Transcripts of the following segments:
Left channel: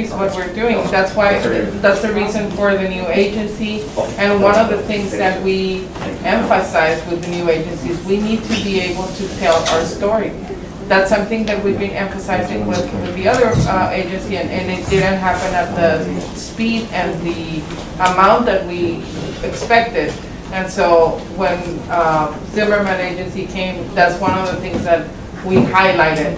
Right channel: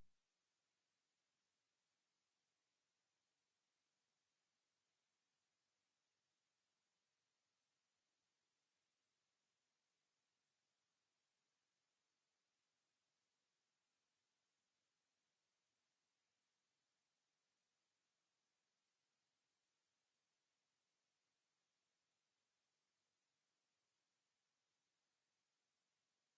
increase what we're doing. That's why, that's the reason for the new agency. And one of the things that we emphasize with the new agencies, we need to be able to tell our story. That's something that we've been emphasizing with the other agency, and it didn't happen at the speed and the amount that we expected. And so when Zimmerman Agency came, that's one of the things that we highlighted,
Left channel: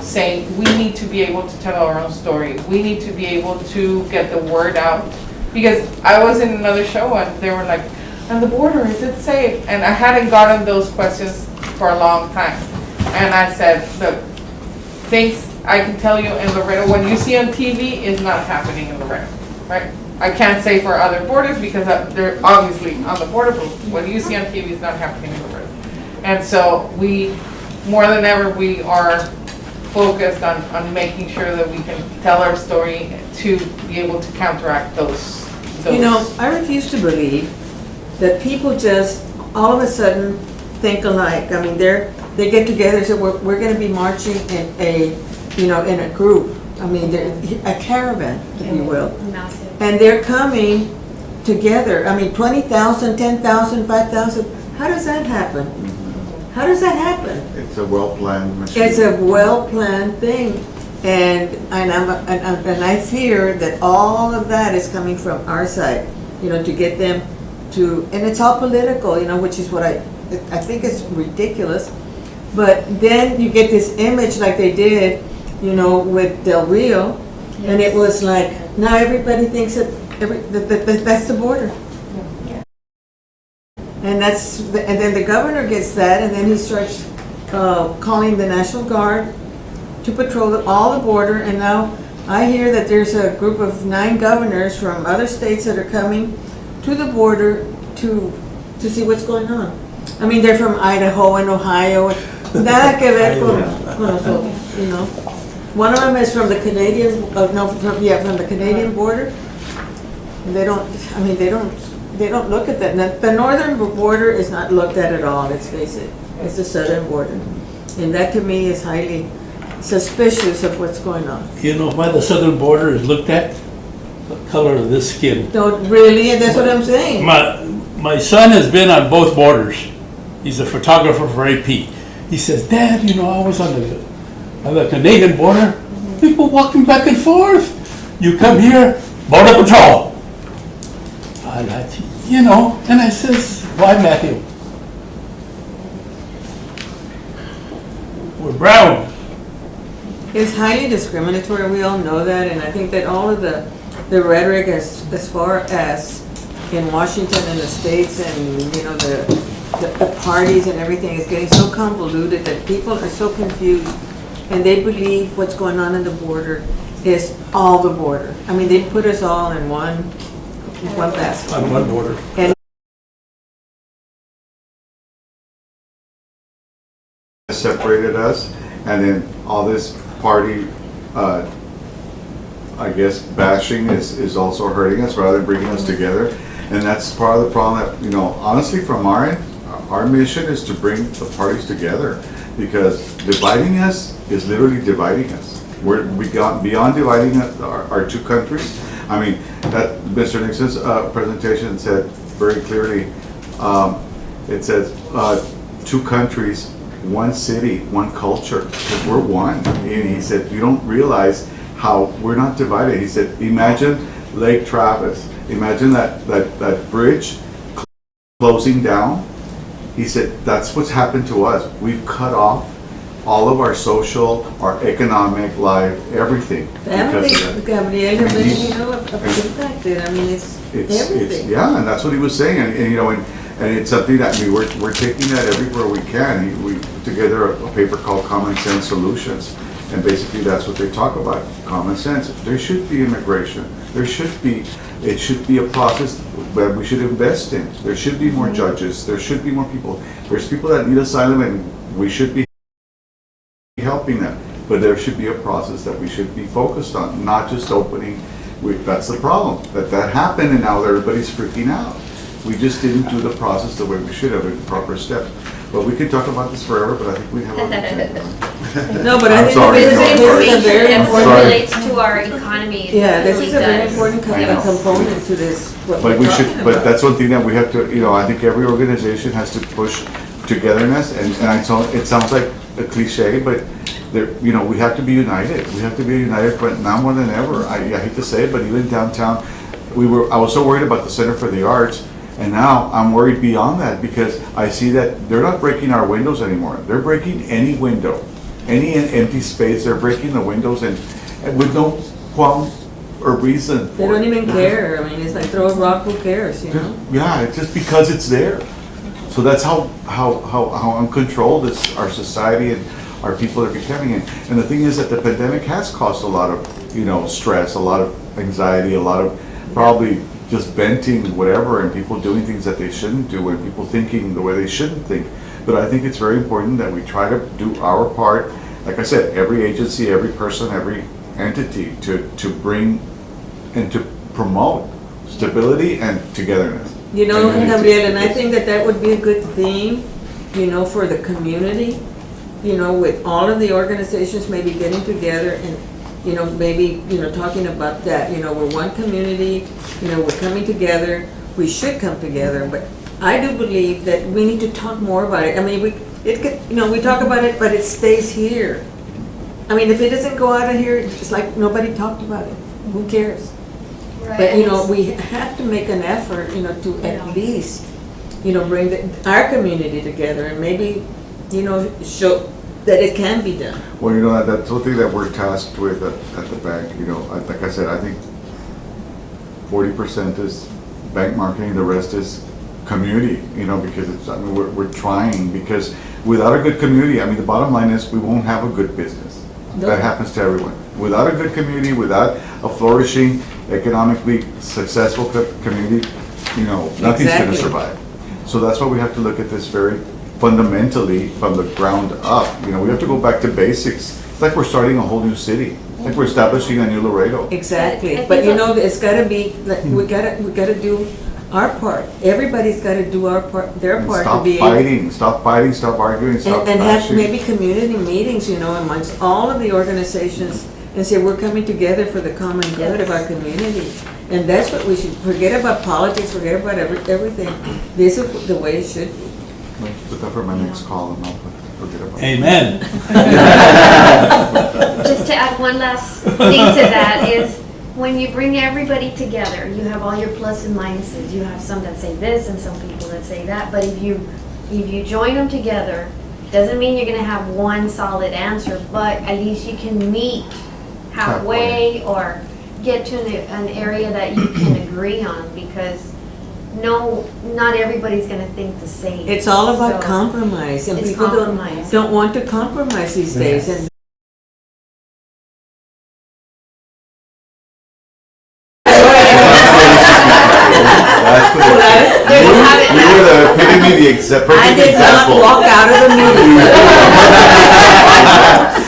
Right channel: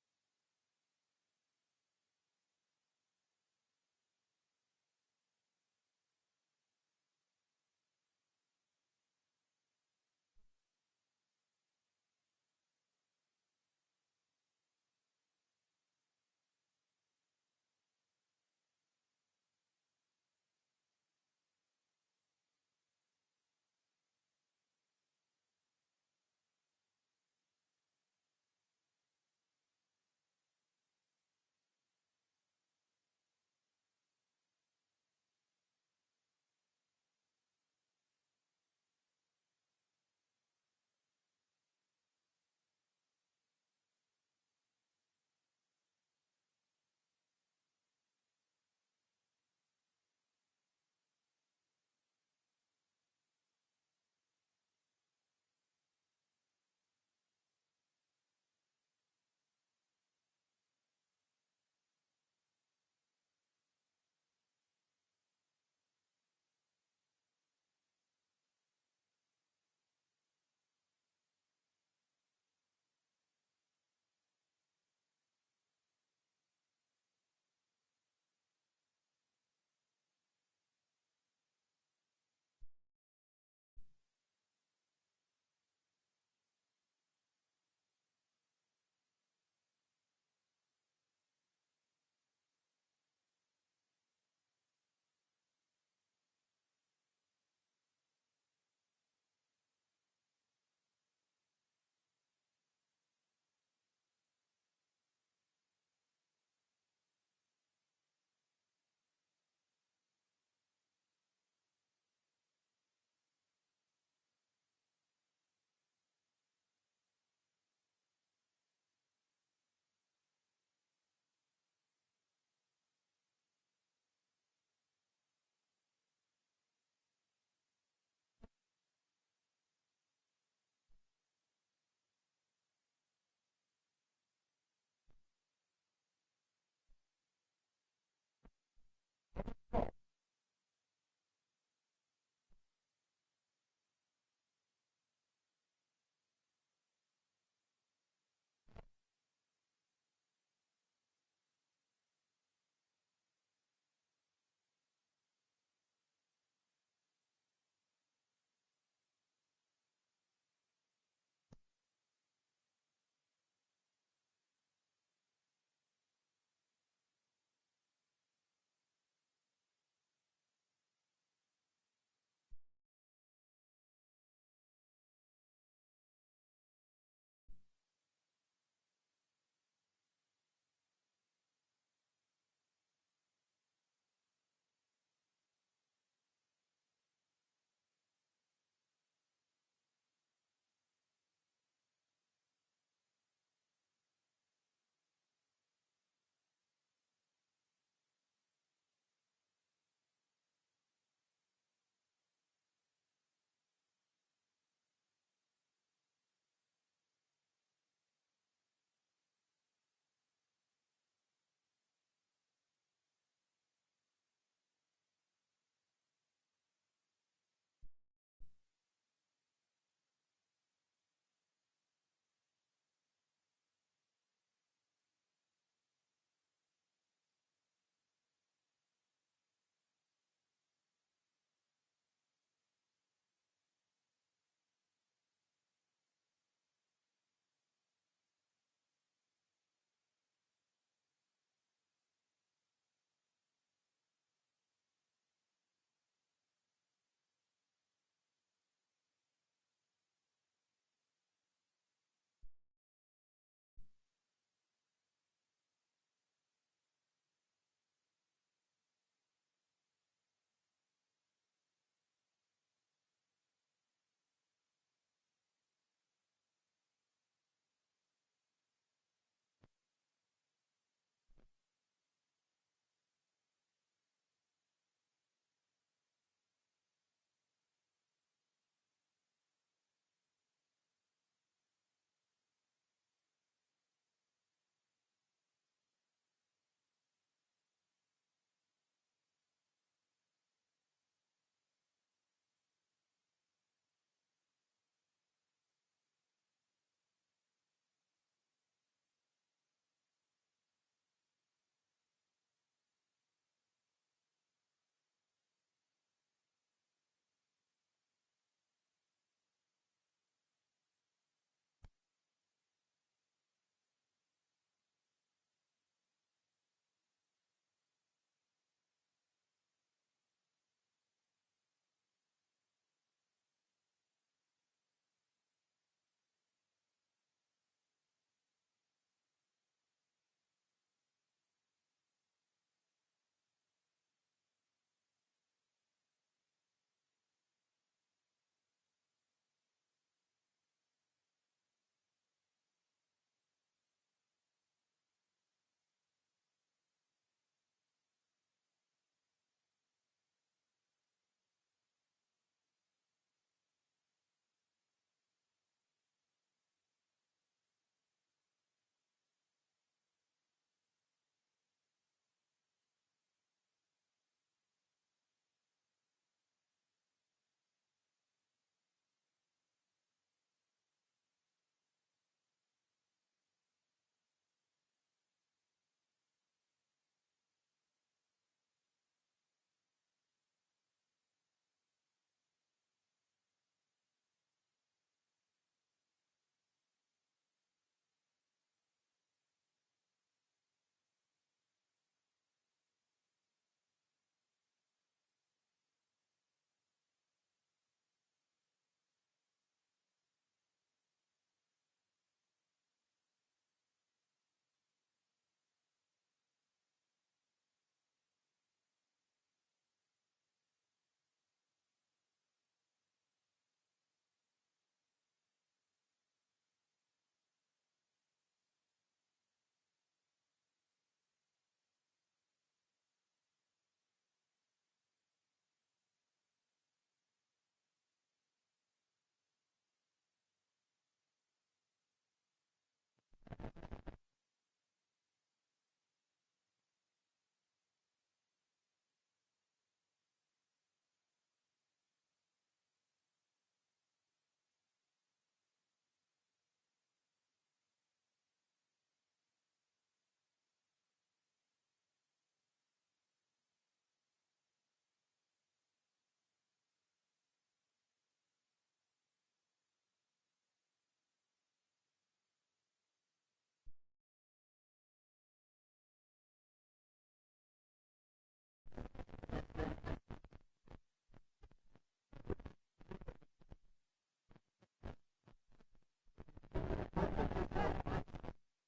saying we need to be able to tell our own story. We need to be able to get the word out. Because I was in another show and they were like, on the border, is it safe? And I hadn't gotten those questions for a long time. And I said, look, things I can tell you in Laredo, when you see on TV, is not happening in Laredo, right? I can't say for other borders because they're obviously on the border, but what you see on TV is not happening in Laredo. And so we, more than ever, we are focused on making sure that we can tell our story to be able to counteract those. You know, I refuse to believe that people just all of a sudden think alike. I mean, they get together and say, we're going to be marching in a group. I mean, a caravan, if you will. Massive. And they're coming together. I mean, 20,000, 10,000, 5,000. How does that happen? How does that happen? It's a well-planned machine. It's a well-planned thing. And I fear that all of that is coming from our side, to get them to, and it's all political, which is what I think is ridiculous. But then you get this image like they did, with Del Rio, and it was like, now everybody thinks that that's the border. And then the governor gets that, and then he starts calling the National Guard to patrol all the border. And now I hear that there's a group of 9 governors from other states that are coming to the border to see what's going on. I mean, they're from Idaho and Ohio. Nada que ver con nosotros, One of them is from the Canadian, from the Canadian border. And they don't look at that. The northern border is not looked at all, let's face it. It's the southern border. And that to me is highly suspicious of what's going on. You know why the southern border is looked at? The color of this skin. Don't really, and that's what I'm saying. My son has been on both borders. He's a photographer for AP. He says, Dad, I was on the Canadian border. People walking back and forth. You come here, border patrol. And I says, why, Matthew? We're brown. It's highly discriminatory, we all know that, and I think that all of the rhetoric as far as in Washington and the states and, the parties and everything is getting so convoluted that people are so confused and they believe what's going on in the border is all the border. I mean, they put us all in one basket. On one border. And separated us, and then all this party, bashing is also hurting us rather than bringing us together. And that's part of the problem that, honestly, from our end, our mission is to bring the parties together, because dividing us is literally dividing us. We got beyond dividing our 2 countries. I mean, that Mr. Nixon's presentation said very clearly, it says 2 countries, 1 city, 1 culture, because we're one. And he said, you don't realize how we're not divided. He said, imagine Lake Travis. Imagine that bridge closing down. He said, that's what's happened to us. We've cut off all of our social, our economic life, everything. family, Gabriel, impacted. I mean, it's everything. Yeah, and that's what he was saying. And it's something that we're taking that everywhere we can. We put together a paper called Common Sense Solutions. And basically that's what they talk about, common sense. There should be immigration. It should be a process that we should invest in. There should be more judges. There should be more people. There's people that need asylum and we should be helping them. But there should be a process that we should be focused on, not just opening. That's the problem. That happened and now everybody's freaking out. We just didn't do the process the way we should have, in proper steps. But we could talk about this forever, but I think we have other things. No, but I I'm think sorry, this no, I'm is sorry. a very That important. Sorry. relates to our economy. It Yeah, this really is a very does. important Yeah. component to this. what But we're we talking should, but about. that's one thing that we have to, I think every organization has to push togetherness, and it sounds like a cliche, but there, we have to be united. We have to be united, but now more than ever. I hate to say it, but even downtown, I was so worried about the Center for the Arts, and now I'm worried beyond that, because I see that they're not breaking our windows anymore. They're breaking any window, any empty space, they're breaking the windows, and with no qualm or reason They for don't it. even care. I mean, it's like throw a rock, who cares, you know? Yeah, it's just because it's there. So that's how uncontrolled our society and our people are becoming. And the thing is that the pandemic has caused a lot of, stress, a lot of anxiety, a lot of probably just venting, whatever, and people doing things that they shouldn't do, and people thinking the way they shouldn't think. But I think it's very important that we try to do our part. Like I said, every agency, every person, every entity to bring and to promote stability and togetherness. You know, And unity. Gabriel, and I think that would be a good theme, for the community, with all of the organizations maybe getting together and, maybe, talking about that, we're one community, we're coming together, we should come together, but I do believe that we need to talk more about it. I mean, we talk about it, but it stays here. I mean, if it doesn't go out of here, it's like nobody talked about it. Who cares? Right, But, and it's- we have to make an effort, to Yeah. at least, bring our community together and maybe, show that it can be done. Well, that's one thing that we're tasked with at the bank, like I said, I think 40% is bank marketing, the rest is community, because we're trying, because without a good community, the bottom line is we won't have a good business. No. That happens to everyone. Without a good community, without a flourishing, economically successful community, nothing's gonna Exactly. survive. So that's why we have to look at this very fundamentally from the ground up. We have to go back to basics. It's like we're starting a whole new city. It's like we're establishing a new Laredo. Exactly, I but think it's gotta be, like, we gotta do our part. Everybody's gotta do their And part to stop be able. fighting, stop arguing, stop And have bashing. maybe community meetings, amongst all of the organizations, and say, we're coming together for the common good of Yes. our community. And that's what we should, forget about politics, forget about everything. This is the way it should be. Put that for my next call and I'll forget about it. Amen. Just to add one last thing to that is, when you bring everybody together, you have all your plus and minuses. You have some that say this and some people that say that, but if you join them together, doesn't mean you're gonna have one solid answer, but at least you can meet halfway or get to an area that you can agree on, because not everybody's gonna think the same. It's all about So, compromise, and it's people compromise. don't want to compromise these days, and That's what it- There you have it. You were the epitome, the I perfect did not example. walk out of the meeting.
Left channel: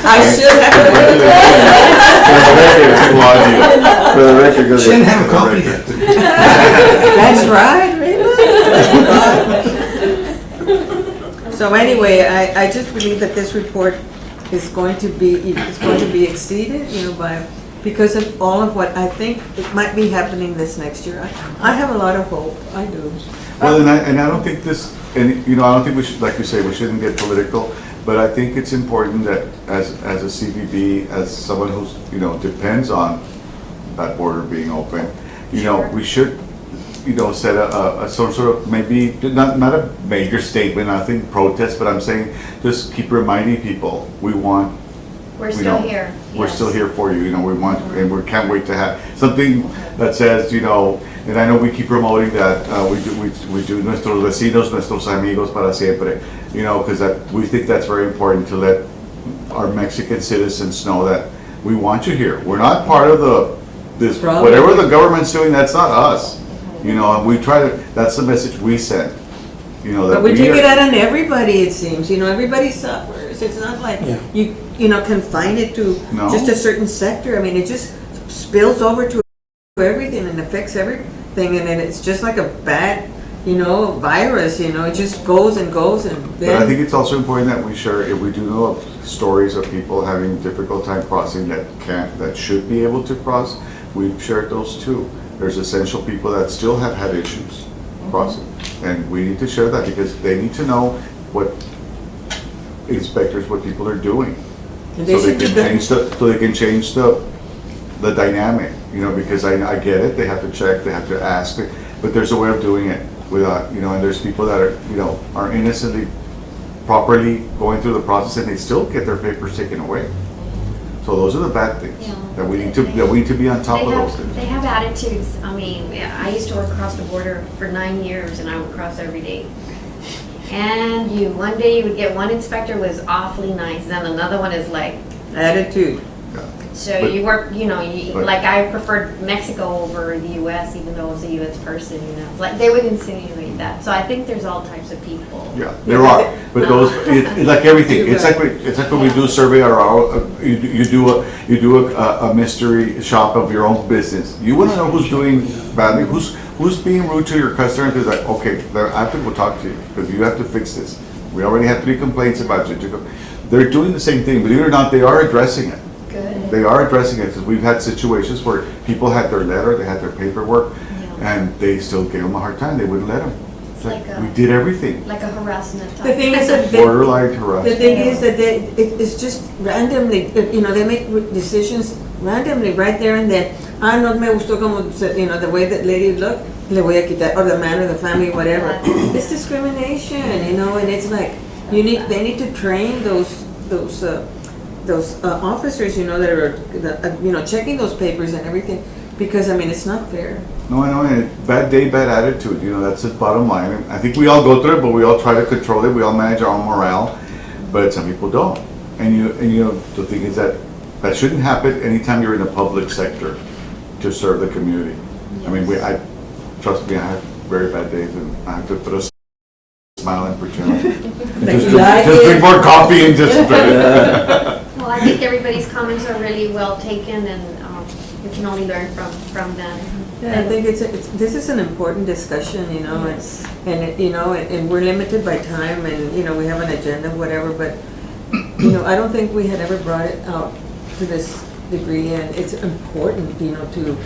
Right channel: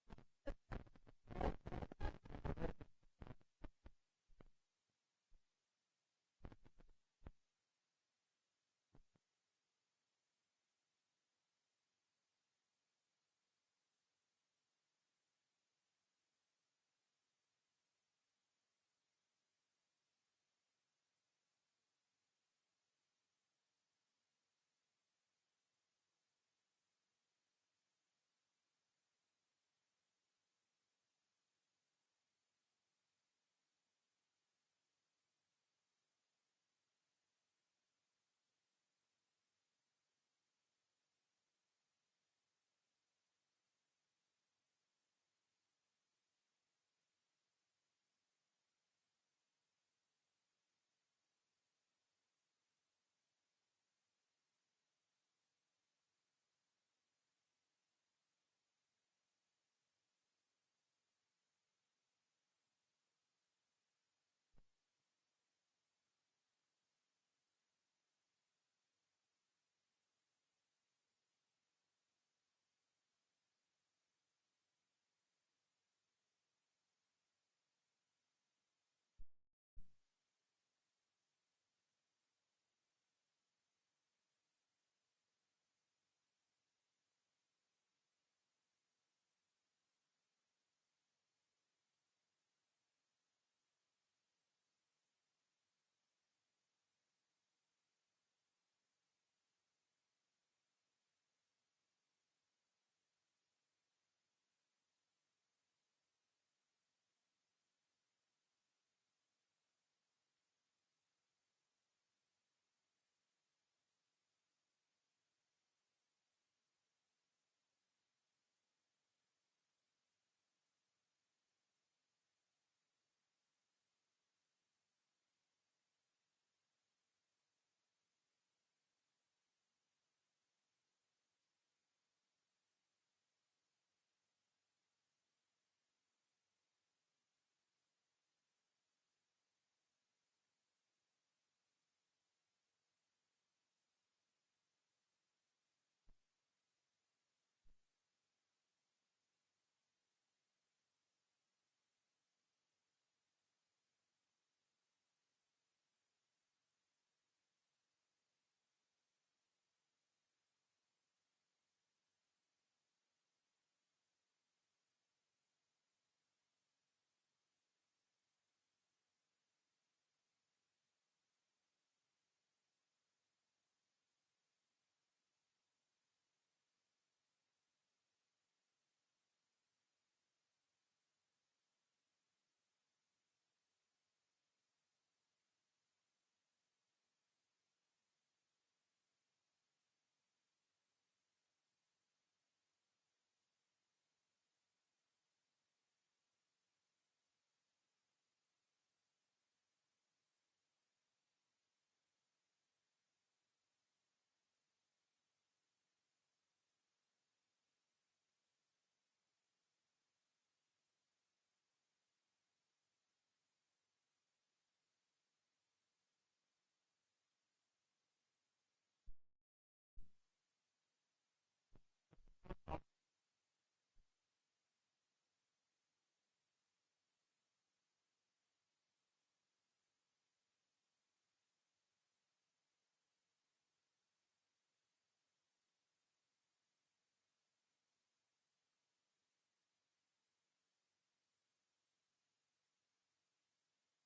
I should have. For the record, go She didn't ahead. have a coffee yet. That's right, really? So anyway, I just believe that this report is going to be exceeded, because of all of what I think it might be happening this next year. I have a lot of hope, I do. Well, and I don't think this, and I don't think we should, like you say, we shouldn't get political, but I think it's important that as a CVB, as someone who's, depends on that border being open, Sure. we should, set a some sort of, maybe, not a major statement, I think protest, but I'm saying, just keep reminding people, We're we still don't- here. We're Yes. still here for you, we want, and we can't wait to have something that says, and I know we keep promoting that, we do nuestros vecinos, nuestros amigos para siempre, because we think that's very important to let our Mexican citizens know that we want you here. We're not part of this, Problem. whatever the government's doing, that's not us. And we try to, that's the message we send, that But we take are- it out on everybody, it seems, everybody suffers. It's not like Yeah. you confine it to No. just a certain sector. I mean, it just spills over to everything and affects everything, and then it's just like a bad, virus, it just goes and goes and But I think then, it's also important that we share, if we do know of stories of people having difficult time crossing that should be able to cross, we've shared those too. There's essential people that still have had issues crossing. And we need to share that because they need to know what what people are doing. and So they they should be can good. change the dynamic, because I get it, they have to check, they have to ask, but there's a way of doing it without, and there's people that are innocently, properly going through the process and they still get their papers taken away. So those are the bad things, Yeah. that we need to be on top of those things. They have attitudes. I mean, yeah, I used to work across the border for 9 years and I would cross every day. And one day you would get one inspector was awfully nice, then another one is like, Attitude. Yeah. so But- you work, But- like I preferred Mexico over the US, even though I was a US person, Like they would insinuate that. So I think there's all types of people. Yeah, there are, but those, it's like everything, it's like when we do a survey or you do a mystery shop of your own business. You wanna know who's doing badly, who's being rude to your customer, because like, okay, I have to go talk to you, because you have to fix this. We already have 3 complaints about you. They're doing the same thing, believe it or not, they are addressing it. Good. They are addressing it, because we've had situations where people had their letter, they had their paperwork, Yeah. and they still gave them a hard time, they wouldn't let them. It's like, Like a- we did everything. Like a harassment type. The thing is that Borderline the harassment. thing is that it's just randomly, they make decisions randomly right there and then. No me gustó como, the way that lady looked, le voy a quitar, or the man or the family, whatever. It's discrimination, and it's like, they need to train those officers, that are, checking those papers and everything, because, it's not fair. No, I know, and bad day, bad attitude, that's the bottom line. And I think we all go through it, but we all try to control it, we all manage our own morale, but some people don't. And the thing is that shouldn't happen anytime you're in a public sector to serve the community. I mean, trust me, I have very bad days and I have to put a smile and pretend. Just drink more coffee and just. Well, I think everybody's comments are really well taken and we can only learn from them. Yeah, I think this is an important discussion, Yes. and we're limited by time and, we have an agenda, whatever, but, I don't think we had ever brought it out to this degree, and it's important, to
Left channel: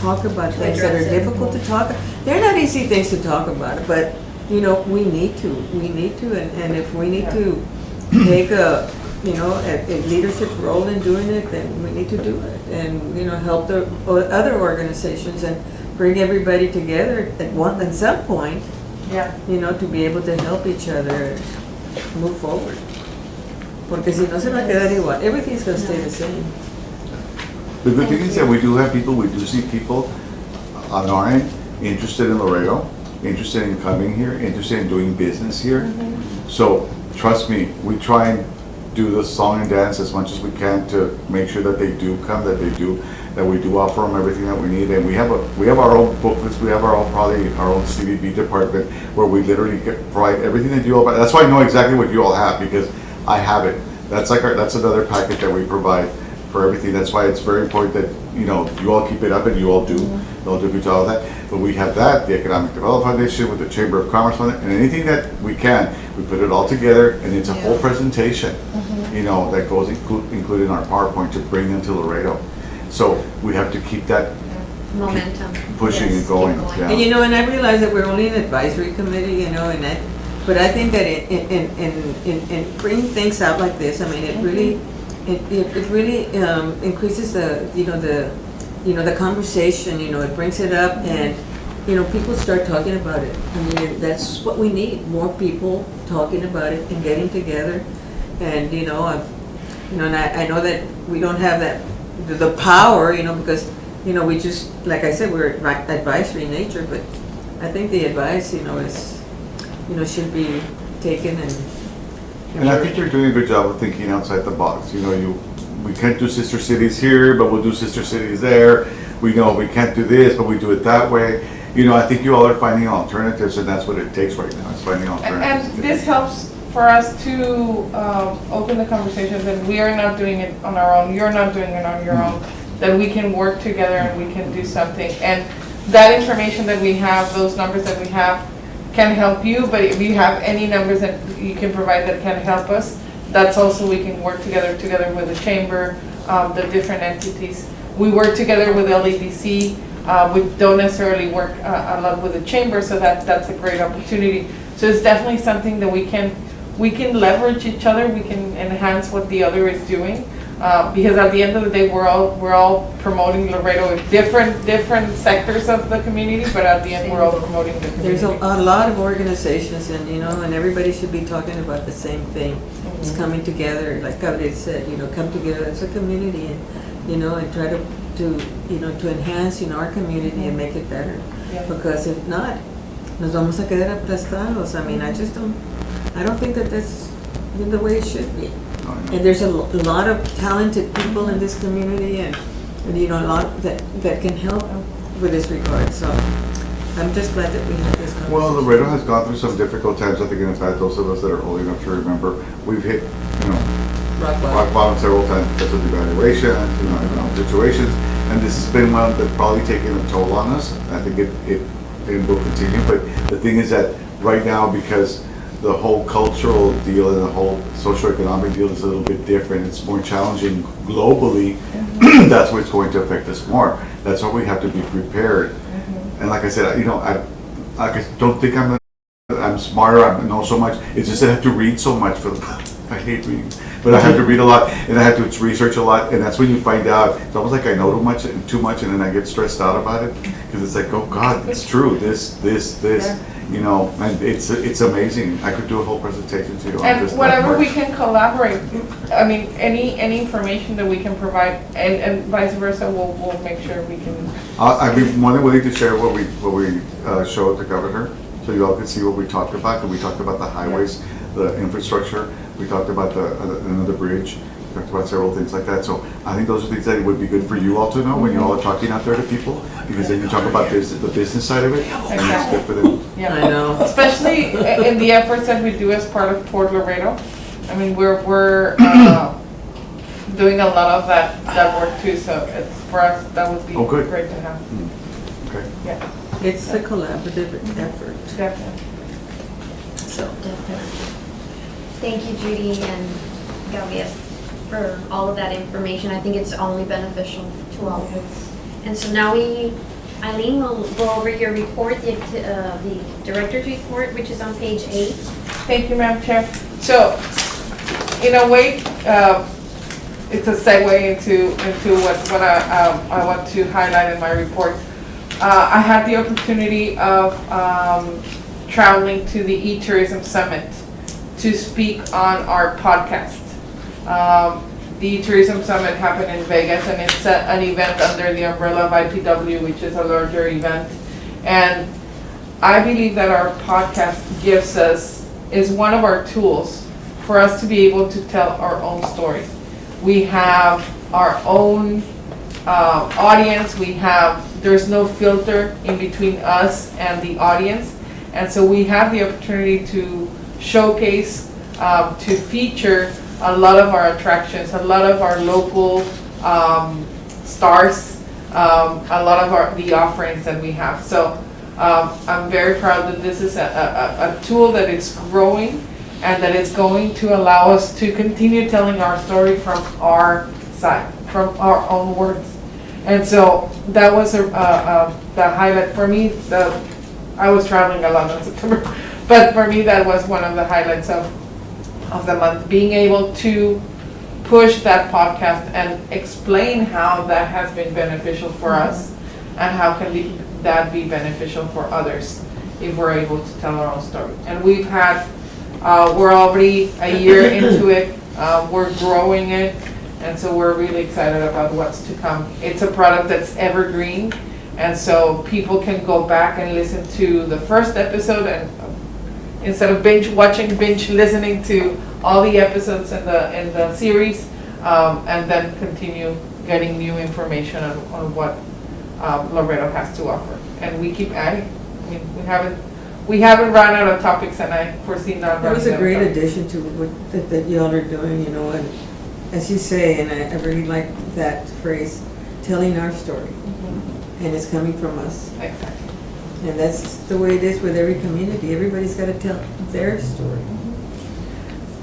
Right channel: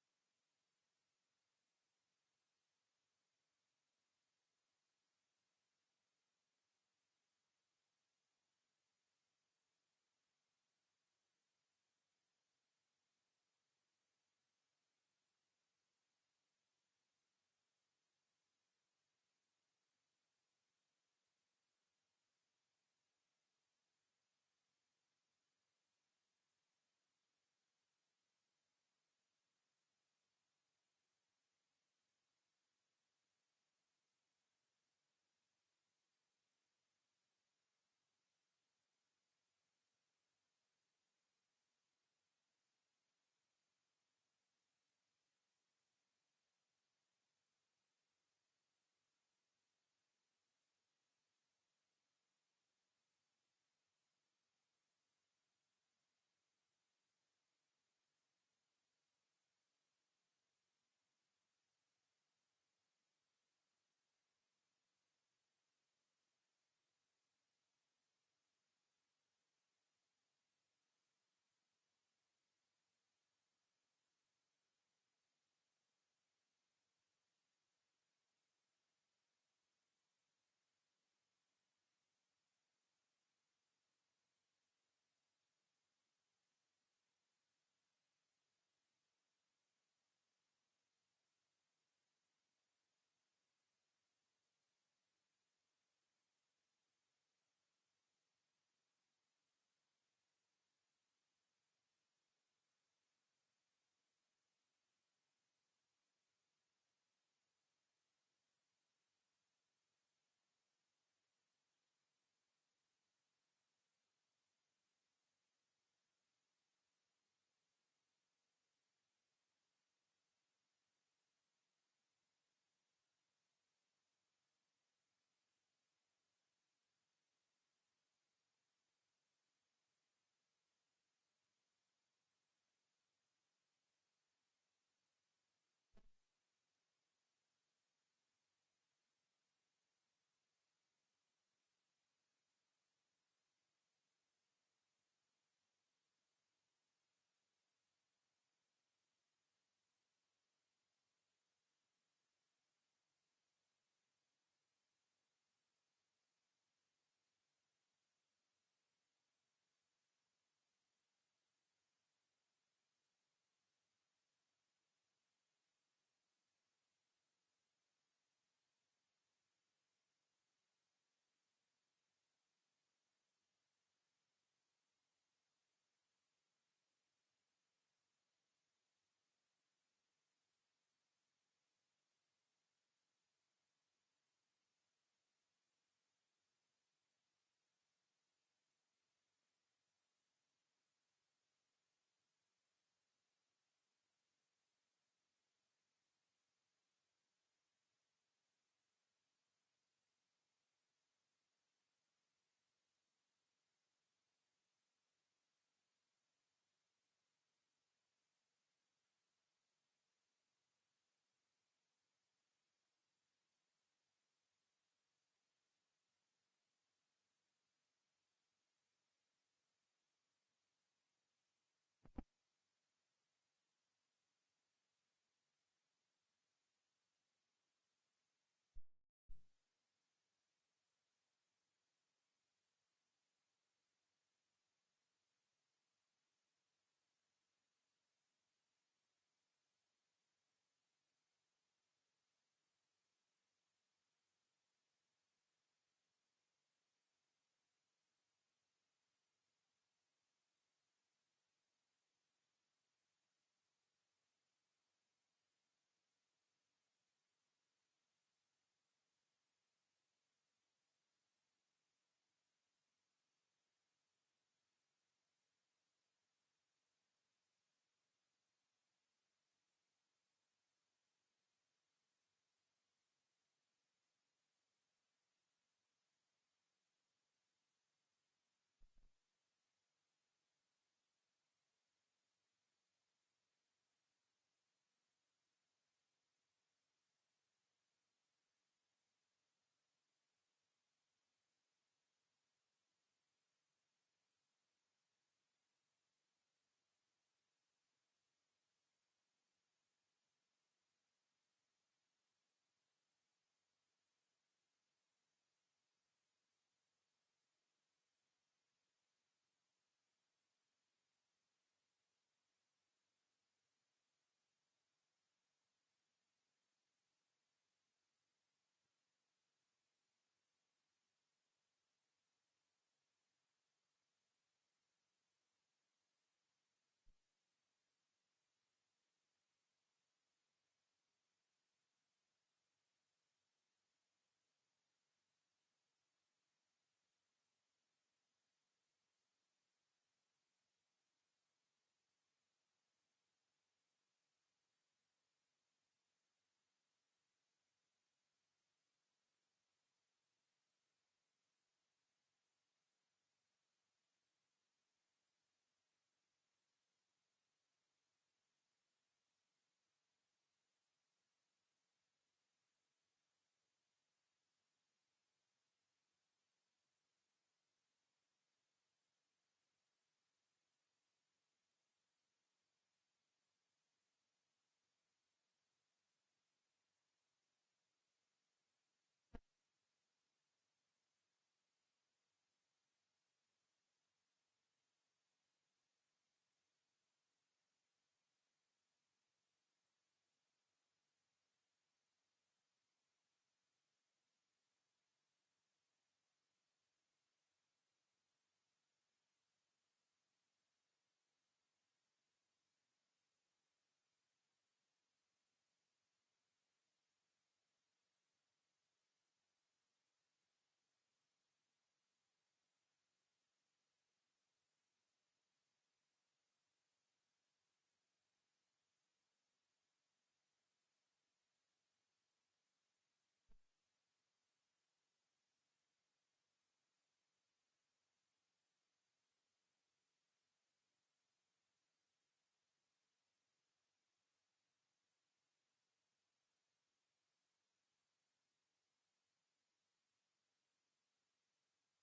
talk about things that are address it. difficult to talk. They're not easy things to talk about, but, we need to, and if we need to take a leadership role in doing it, then we need to do it, and, help the other organizations and bring everybody together at some point, Yeah. to be able to help each other move forward. Porque si no se va a quedar igual, everything's gonna stay the same. The good thing is that we do see people on our end interested in Laredo, interested in coming here, interested in doing business here. So, trust me, we try and do the song and dance as much as we can to make sure that they do come, that we do offer them everything that we need. And we have our own booklets, we have our own CDB department where we literally provide everything that you all, that's why I know exactly what you all have, because I have it. That's another packet that we provide for everything. That's why it's very important that, you all keep it up and you all do. You all do a good job of that. But we have that, the Economic Development Foundation with the Chamber of Commerce Fund, and anything that we can, we put it all together and it's a whole presentation, that goes included in our PowerPoint to bring them to Laredo. So we have to keep that Momentum. pushing Yes, and going. keep Yeah. And I realize that we're only an advisory committee, but I think that in bringing things out like this, it really, increases the conversation, it brings it up and, people start talking about it. That's what we need, more people talking about it and getting together. And, and I know that we don't have the power, because, we just, like I said, we're advisory in nature, but I think the advice, is, should be taken And I think you're doing a good job of thinking outside the box. We can't do sister cities here, but we'll do sister cities there. We know we can't do this, but we do it that way. I think you all are finding alternatives, and that's what it takes right now, is finding alternatives. And this helps for us to open the conversations, and we are not doing it on our own, you're not doing it on your own, that we can work together and we can do something. And that information that we have, those numbers that we have, can help you, but if you have any numbers that you can provide that can help us, that's also, we can work together with the chamber, the different entities. We work together with LEDC, we don't necessarily work a lot with the chamber, so that's a great opportunity. So it's definitely something that we can leverage each other, we can enhance what the other is doing. Because at the end of the day, we're all promoting Laredo in different sectors of the community, but at the end, we're all promoting the community. There's a lot of organizations and, and everybody should be talking about the same thing. It's coming together, like Gabriel said, come together as a community and, and try to enhance, our community and make it better. Yeah. Because if not, nos vamos a quedar aplastados. I mean, I don't think that that's the way it should be. And there's a lot of talented people in this community and a lot that can help with this regard. So I'm just glad that we had this conversation. Well, Laredo has gone through some difficult times. I think in fact, those of us that are old enough to remember, we've hit, rock bottom several times because of devaluation, situations. And this has been one that's probably taken a toll on us. I think it will continue. But the thing is that right now, because the whole cultural deal and the whole socioeconomic deal is a little bit different. It's more challenging globally. That's what's going to affect us more. That's why we have to be prepared. And like I said, I don't think I'm smarter. I know so much. It's just that I have to read so much. I hate reading, but I have to read a lot and I have to research a lot. And that's when you find out. It's almost like I know too much, and then I get stressed out about it because it's like, oh God, it's true. This. Yeah. And it's amazing. I could do a whole presentation to you on And this. whatever we can collaborate, I mean, any information that we can provide, and vice versa, we'll make sure we can. I'd be more than willing to share what we showed the governor, so you all can see what we talked about. And we talked about the highways, the infrastructure. We talked about another bridge. We talked about several things like that. So I think those are things that would be good for you all to know when you all are talking out there to people, because then you talk about the business side of it, and it's good for them. Yeah. I know. Especially in the efforts that we do as part of Port Laredo. I mean, we're doing a lot of that work too. So it's for us, that would be great to have. Okay. Yeah. It's a collaborative effort. Definitely. So. Definitely. Thank you, Judy and Gabriel, for all of that information. I think it's only beneficial to all of us. And so now Eileen will go over your report, the director's report, which is on page 8. Thank you, Madam Chair. So, in a way, it's a segue into what I want to highlight in my report. I had the opportunity of traveling to the E-Tourism Summit to speak on our podcast. The Tourism Summit happened in Vegas, and it's an event under the umbrella of IPW, which is a larger event. And I believe that our podcast is one of our tools for us to be able to tell our own story. We have our own audience. There's no filter in between us and the audience. And so we have the opportunity to showcase, to feature a lot of our attractions, a lot of our local stars, a lot of the offerings that we have. So I'm very proud that this is a tool that is growing and that it's going to allow us to continue telling our story from our side, from our own words. And so that was the highlight for me. I was traveling a lot in September, but for me that was one of the highlights of the month, being able to push that podcast and explain how that has been beneficial for us and how can that be beneficial for others if we're able to tell our own story. And we've had, we're already a year into it, we're growing it, and so we're really excited about what's to come. It's a product that's evergreen, and so people can go back and listen to the first episode, and instead of binge listening to all the episodes in the series, and then continue getting new information on what Laredo has to offer. And we keep adding. I mean, we haven't run out of topics, and I foresee not running out of That was a great topics. addition to what that y'all are doing, and as you say, and I really like that phrase, telling our story, and it's coming from us. Exactly. And that's the way it is with every community. Everybody's gotta tell their story.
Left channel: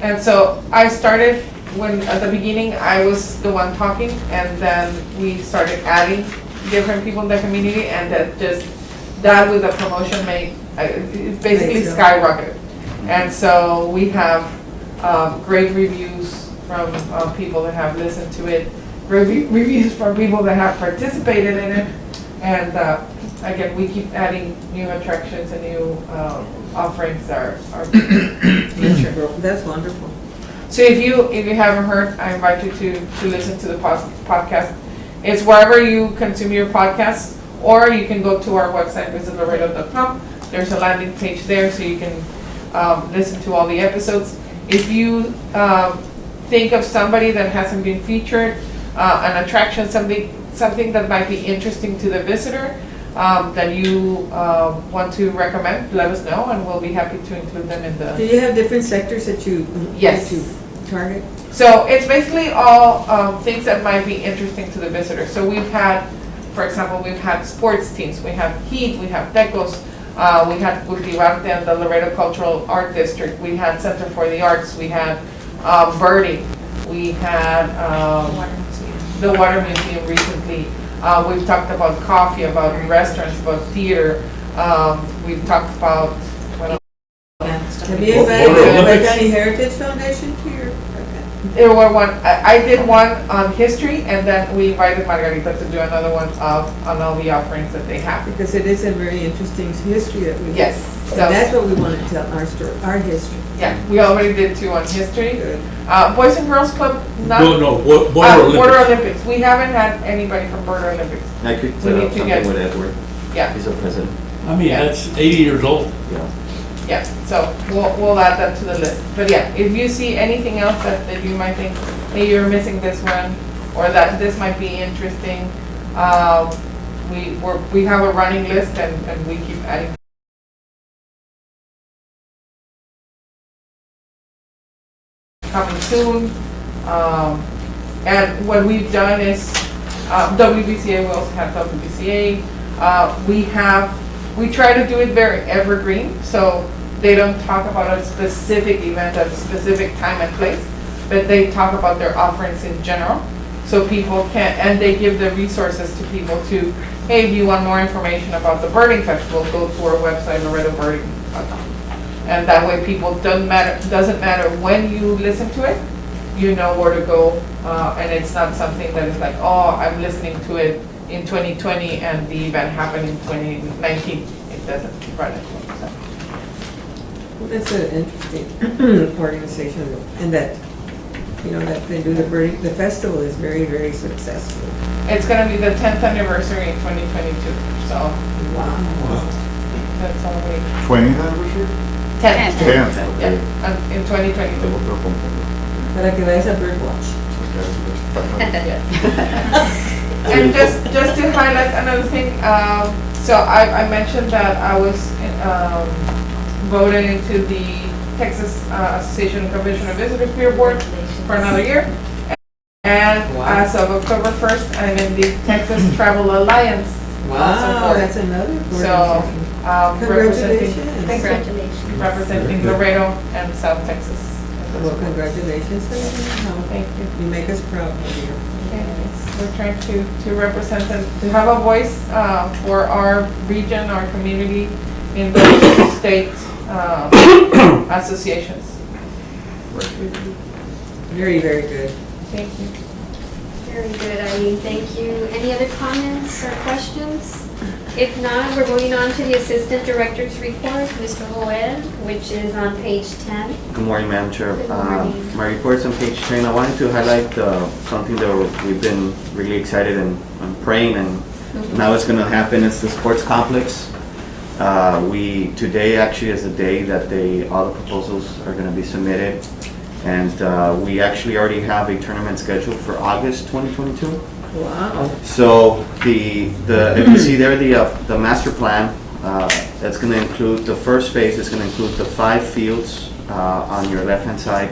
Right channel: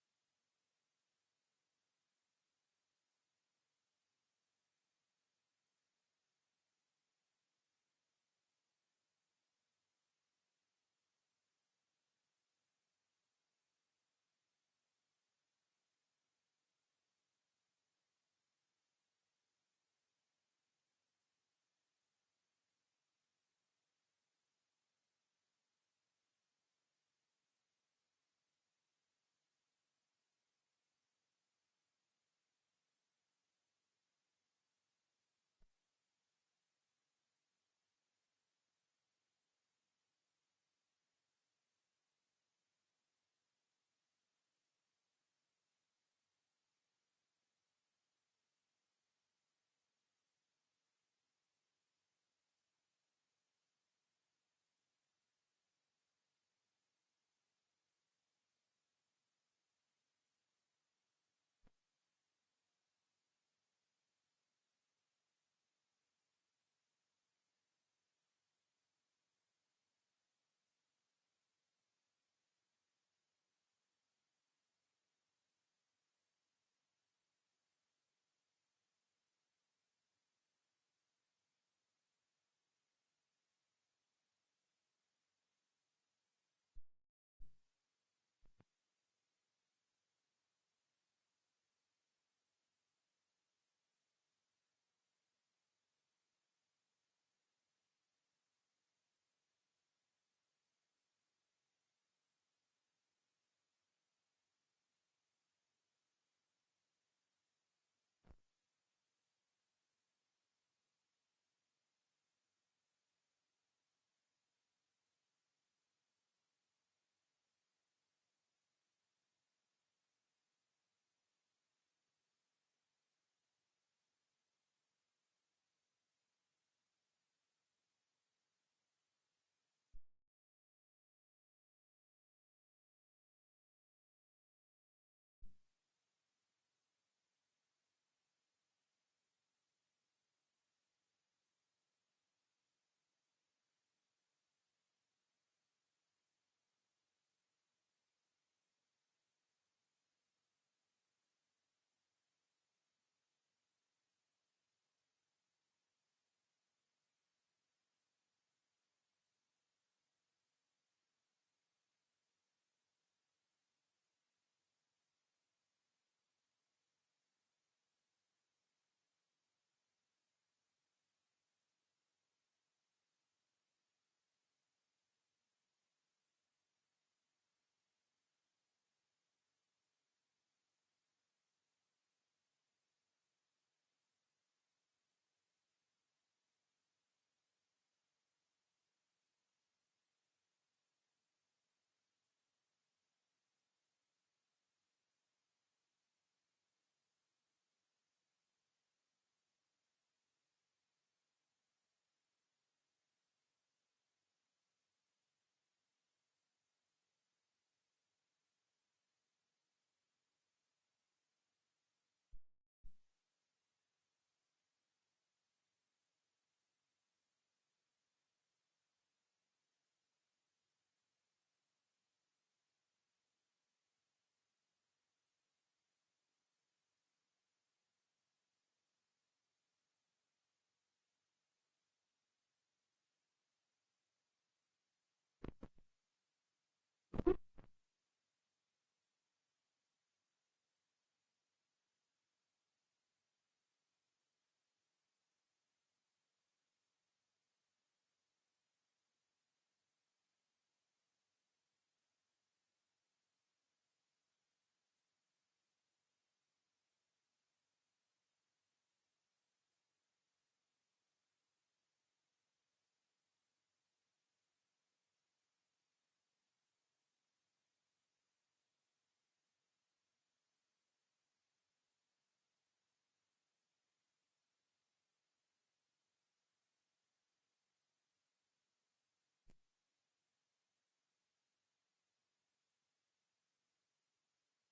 And so I started when, at the beginning, I was the one talking, and then we started adding different people in the community, and that with the promotion made, it basically Makes it. skyrocketed. And so we have great reviews from people that have listened to it, reviews from people that have participated in it, and again, we keep adding new attractions and new offerings that are future. That's wonderful. So if you haven't heard, I invite you to listen to the podcast. It's wherever you consume your podcasts, or you can go to our website, visitlaredo.com. There's a landing page there, so you can listen to all the episodes. If you think of somebody that hasn't been featured, an attraction, something that might be interesting to the visitor, that you want to recommend, let us know, and we'll be happy to include them in Do the. you have different sectors that you Yes. that you target? So it's basically all things that might be interesting to the visitor. So we've had, for example, we've had sports teams, we have Heat, we have Tecos, we had Cultivarte and the Laredo Cultural Art District, we had Center for the Arts, we had birding, we had the Water Museum recently. We've talked about coffee, about restaurants, about theater. We've talked about, what else? Have you Border invited Olympics. County Heritage Foundation to your? There were I did one on history, and then we invited Margarita to do another one on all the offerings that they have. Because it is a very interesting history that we have. Yes, And so, that's what we want to tell, our story, our history. yeah, we already did 2 on history. Good. Boys and Girls Club, not. No, Border Border Olympics. Olympics, we haven't had anybody from Border Olympics, I could We set need up to something get- with Edward. yeah, He's a president. I mean, Yeah. that's 80 years old. Yeah. yeah, so we'll add that to the list. But yeah, if you see anything else that you might think, hey, you're missing this one, or that this might be interesting, we have a running list, and we keep adding. Coming soon, and what we've done is, WBCA, we also have WBCA, we try to do it very evergreen, so they don't talk about a specific event at a specific time and place, but they talk about their offerings in general, so people can, and they give the resources to people to, hey, if you want more information about the birding festival, go to our website, laredobirding.com. And that way people, doesn't matter when you listen to it, you know where to go, and it's not something that is like, oh, I'm listening to it in 2020 and the event happened in 2019. It doesn't run it. So. Well, that's an interesting organization, and that, you know, that they do the festival is very, very successful. It's gonna be the 10th anniversary in 2022, so Wow. that's all we. 20th anniversary? 10th. 10th. Yeah, in 2022. Para que vayas a birdwatch. And just to highlight another thing, so I mentioned that I was voted into the Texas Association of Convention and Visitors Bureau Board for another year. And Wow. as of October 1st, I'm in the Texas Travel Alliance. Wow, board. that's another So, organization. representing, Congratulations. thank you. Congratulations. Representing Laredo and South Texas. Well, congratulations, Elena. Thank you. You make us proud of you. Yes, we're trying to represent and to have a voice for our region, our community in those state associations. Very, very good. Thank you. Very good, Eileen, thank you. Any other comments or questions? If not, we're moving on to the Assistant Director's Report, Mr. Joel, which is on page 10. Good morning, Madam Chair. Good morning. My report's on page 10. I wanted to highlight something that we've been really excited and praying, and now it's going to happen. It's the sports complex. Today actually is the day that all the proposals are going to be submitted, and we actually already have a tournament scheduled for August 2022. Wow. So if you see there the master plan, that's going to include, the first phase is going to include the 5 fields on your left-hand side,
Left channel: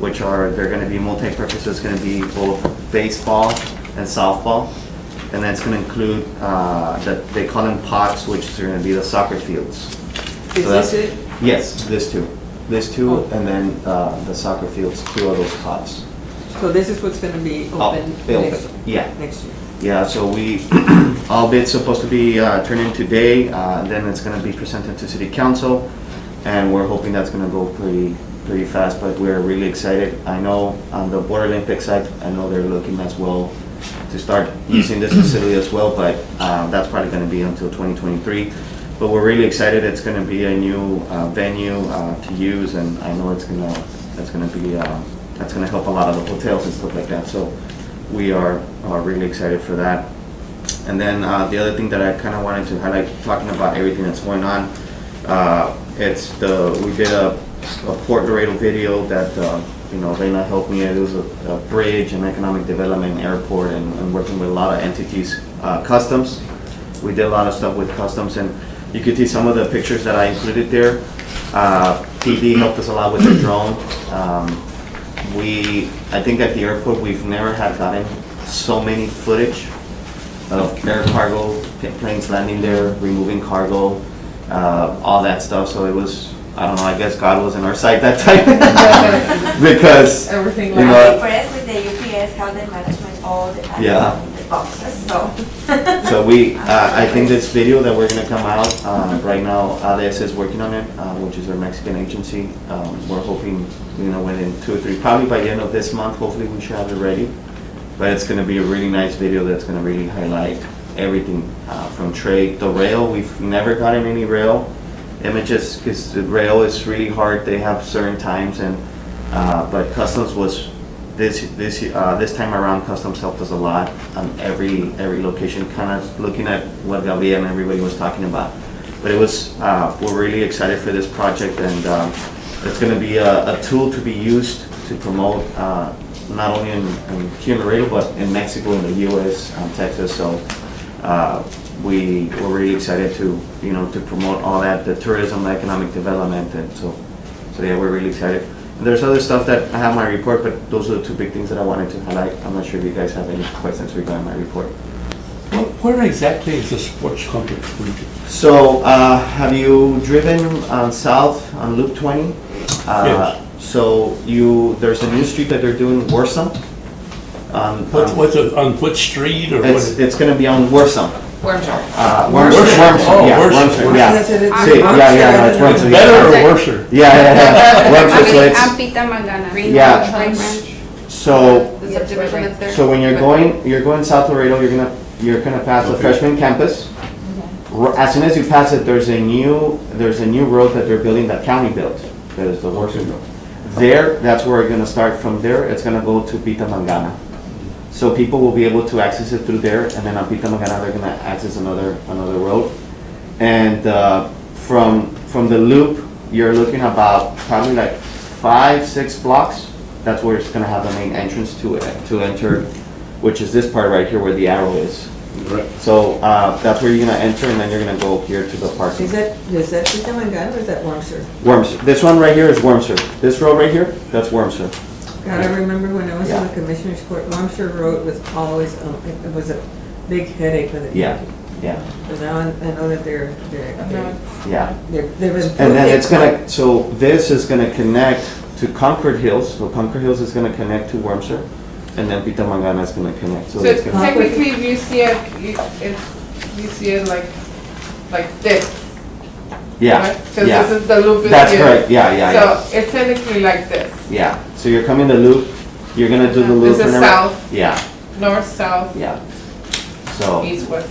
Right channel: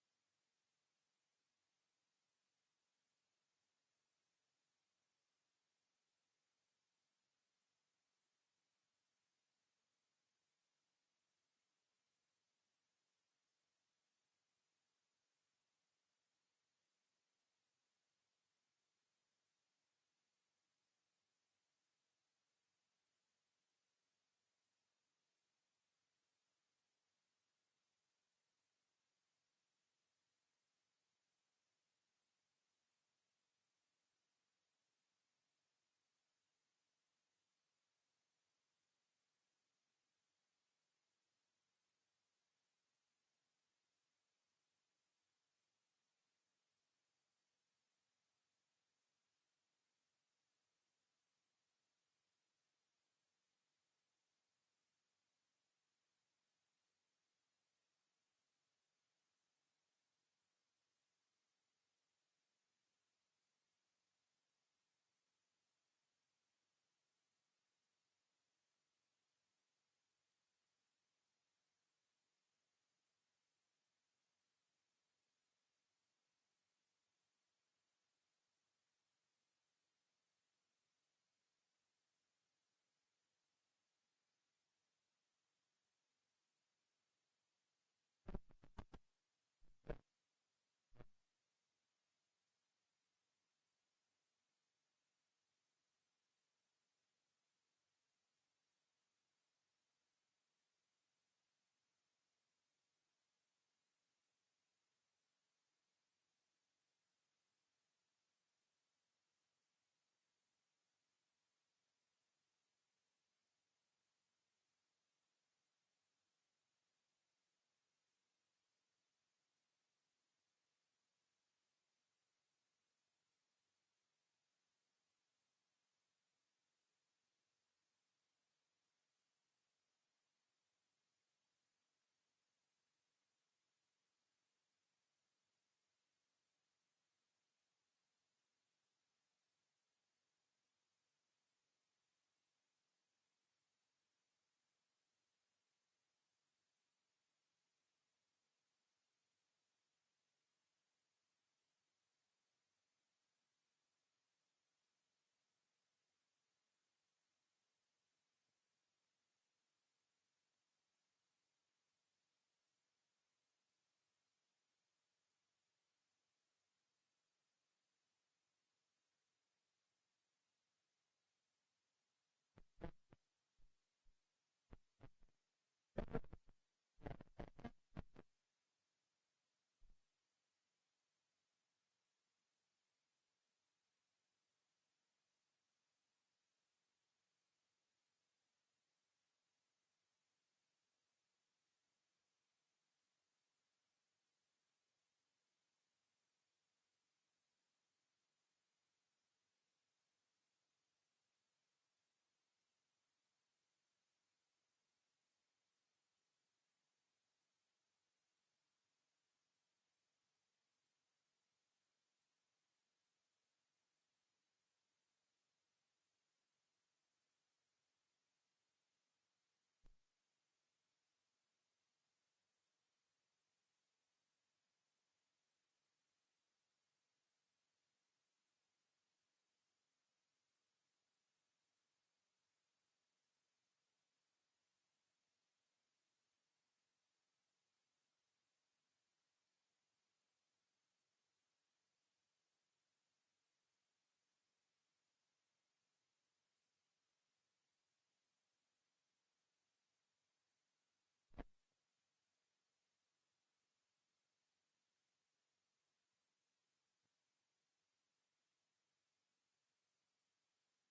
they're going to be multi-purpose. It's going to be both baseball and softball. and then it's gonna include, that they call them pods, which is gonna be the soccer fields. Is So that's- this it? Yes, this two, and then, the soccer fields, 2 of those pods. So this is what's gonna be Oh, open built. next Yeah. year? Yeah, so we, all bids supposed to be turned in today, then it's gonna be presented to city council, and we're hoping that's gonna go pretty fast, but we're really excited. I know on the Border Olympic side, I know they're looking as well to start using this facility as well, but that's probably gonna be until 2023. But we're really excited, it's gonna be a new venue to use, and I know it's gonna help a lot of the hotels and stuff like that, so we are really excited for that. And then the other thing that I kind of wanted to highlight, talking about everything that's going on, we did a Port Laredo video that, Reina helped me. It was a bridge and economic development, airport, and working with a lot of entities, customs. We did a lot of stuff with customs, and you could see some of the pictures that I included there. PD helped us a lot with the drone. I think at the airport, we've never had gotten so many footage of air cargo, planes landing there, removing cargo, all that stuff. So it was, I don't know, I guess God was on our side that time. Because, Everything you like know, I'm impressed with the UPS, how they management all the Yeah. the boxes, so. so I think this video that we're gonna come out, right now, ADS is working on it, which is our Mexican agency. We're hoping, within 2 or 3, probably by the end of this month, hopefully we should have it ready. But it's gonna be a really nice video that's gonna really highlight everything, from trade, the rail. We've never gotten any rail images, because the rail is really hard. They have certain times, and but customs was this time around. Customs helped us a lot on every location, kind of looking at what Gabriel and everybody was talking about. But it was we're really excited for this project, and it's going to be a tool to be used to promote not only here in Laredo, but in Mexico, in the U.S., Texas. So we're really excited to promote all that, the tourism, economic development, and so yeah, we're really excited. And there's other stuff that I have in my report, but those are the 2 big things that I wanted to highlight. I'm not sure if you guys have any questions regarding my report. Where exactly is the sports complex going to? So, have you driven south on Loop 20? Yes. So there's a new street that they're doing, Warsaw. What's it, on what street or what? It's gonna be on Warsaw. Wormshop. Wormser, Oh, yeah, Wormser. Wormser, yeah. Yes, it is. See, yeah, no, it's It's Wormser, better yeah. or worse? Wormser, so it's, Ampita Magana. Yeah. Ranch. so, The subdivision that's there. so when you're going south Laredo, you're gonna pass the freshman campus. As soon as you pass it, there's a new road that they're building that county built, that is the Warsaw Road. There, that's where we're gonna start. From there, it's gonna go to Pita Mangana. So people will be able to access it through there, and then on Pita Mangana, they're gonna access another road. And from the loop, you're looking about probably like 5-6 blocks. That's where it's gonna have the main entrance to enter, which is this part right here where the arrow is. Right. So that's where you're gonna enter, and then you're gonna go here to the parking. Is that Pita Mangana or is that Wormser? Wormser. This one right here is Wormser. This road right here, that's Wormser. God, I remember when I was in Yeah. the Commissioner's Court, Wormser Road was always, it was a big headache for the people. Yeah, But now I know that they've yeah. improved And then it. it's so this is gonna connect to Concord Hills. So Concord Hills is gonna connect to Wormser, and then Pita Mangana is gonna connect. So So it's gonna, technically, if you see it like this. yeah, Because yeah. this is the loop. That's here. correct, yeah. So it's technically like this, Yeah, so you're coming the loop, you're gonna do the loop. This is and everything. south. Yeah, north, south, yeah. So, east, west.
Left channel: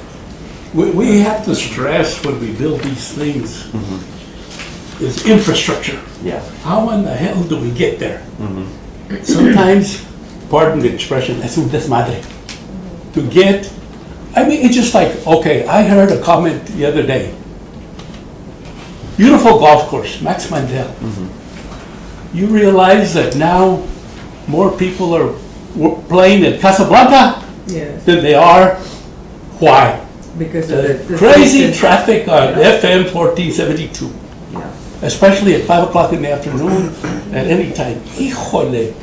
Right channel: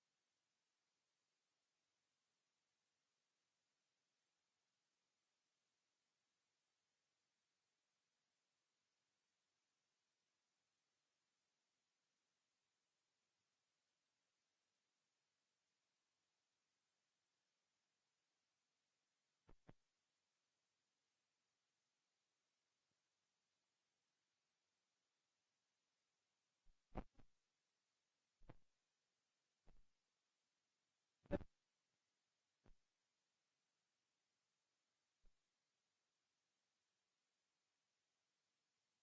We have to stress when we build these things mhm, is infrastructure. yeah. How in the hell do we get there? Mhm. Sometimes, pardon the expression, es un desmadre. To get, I mean, it's just like, okay, I heard a comment the other day. Beautiful golf course, Max Mandel. You realize that now more people are playing at Casablanca Yes, than they are. Why? because of the. Crazy distance. traffic on FM 1472, Yeah. especially at 5 o'clock in the afternoon, at any time. Híjole.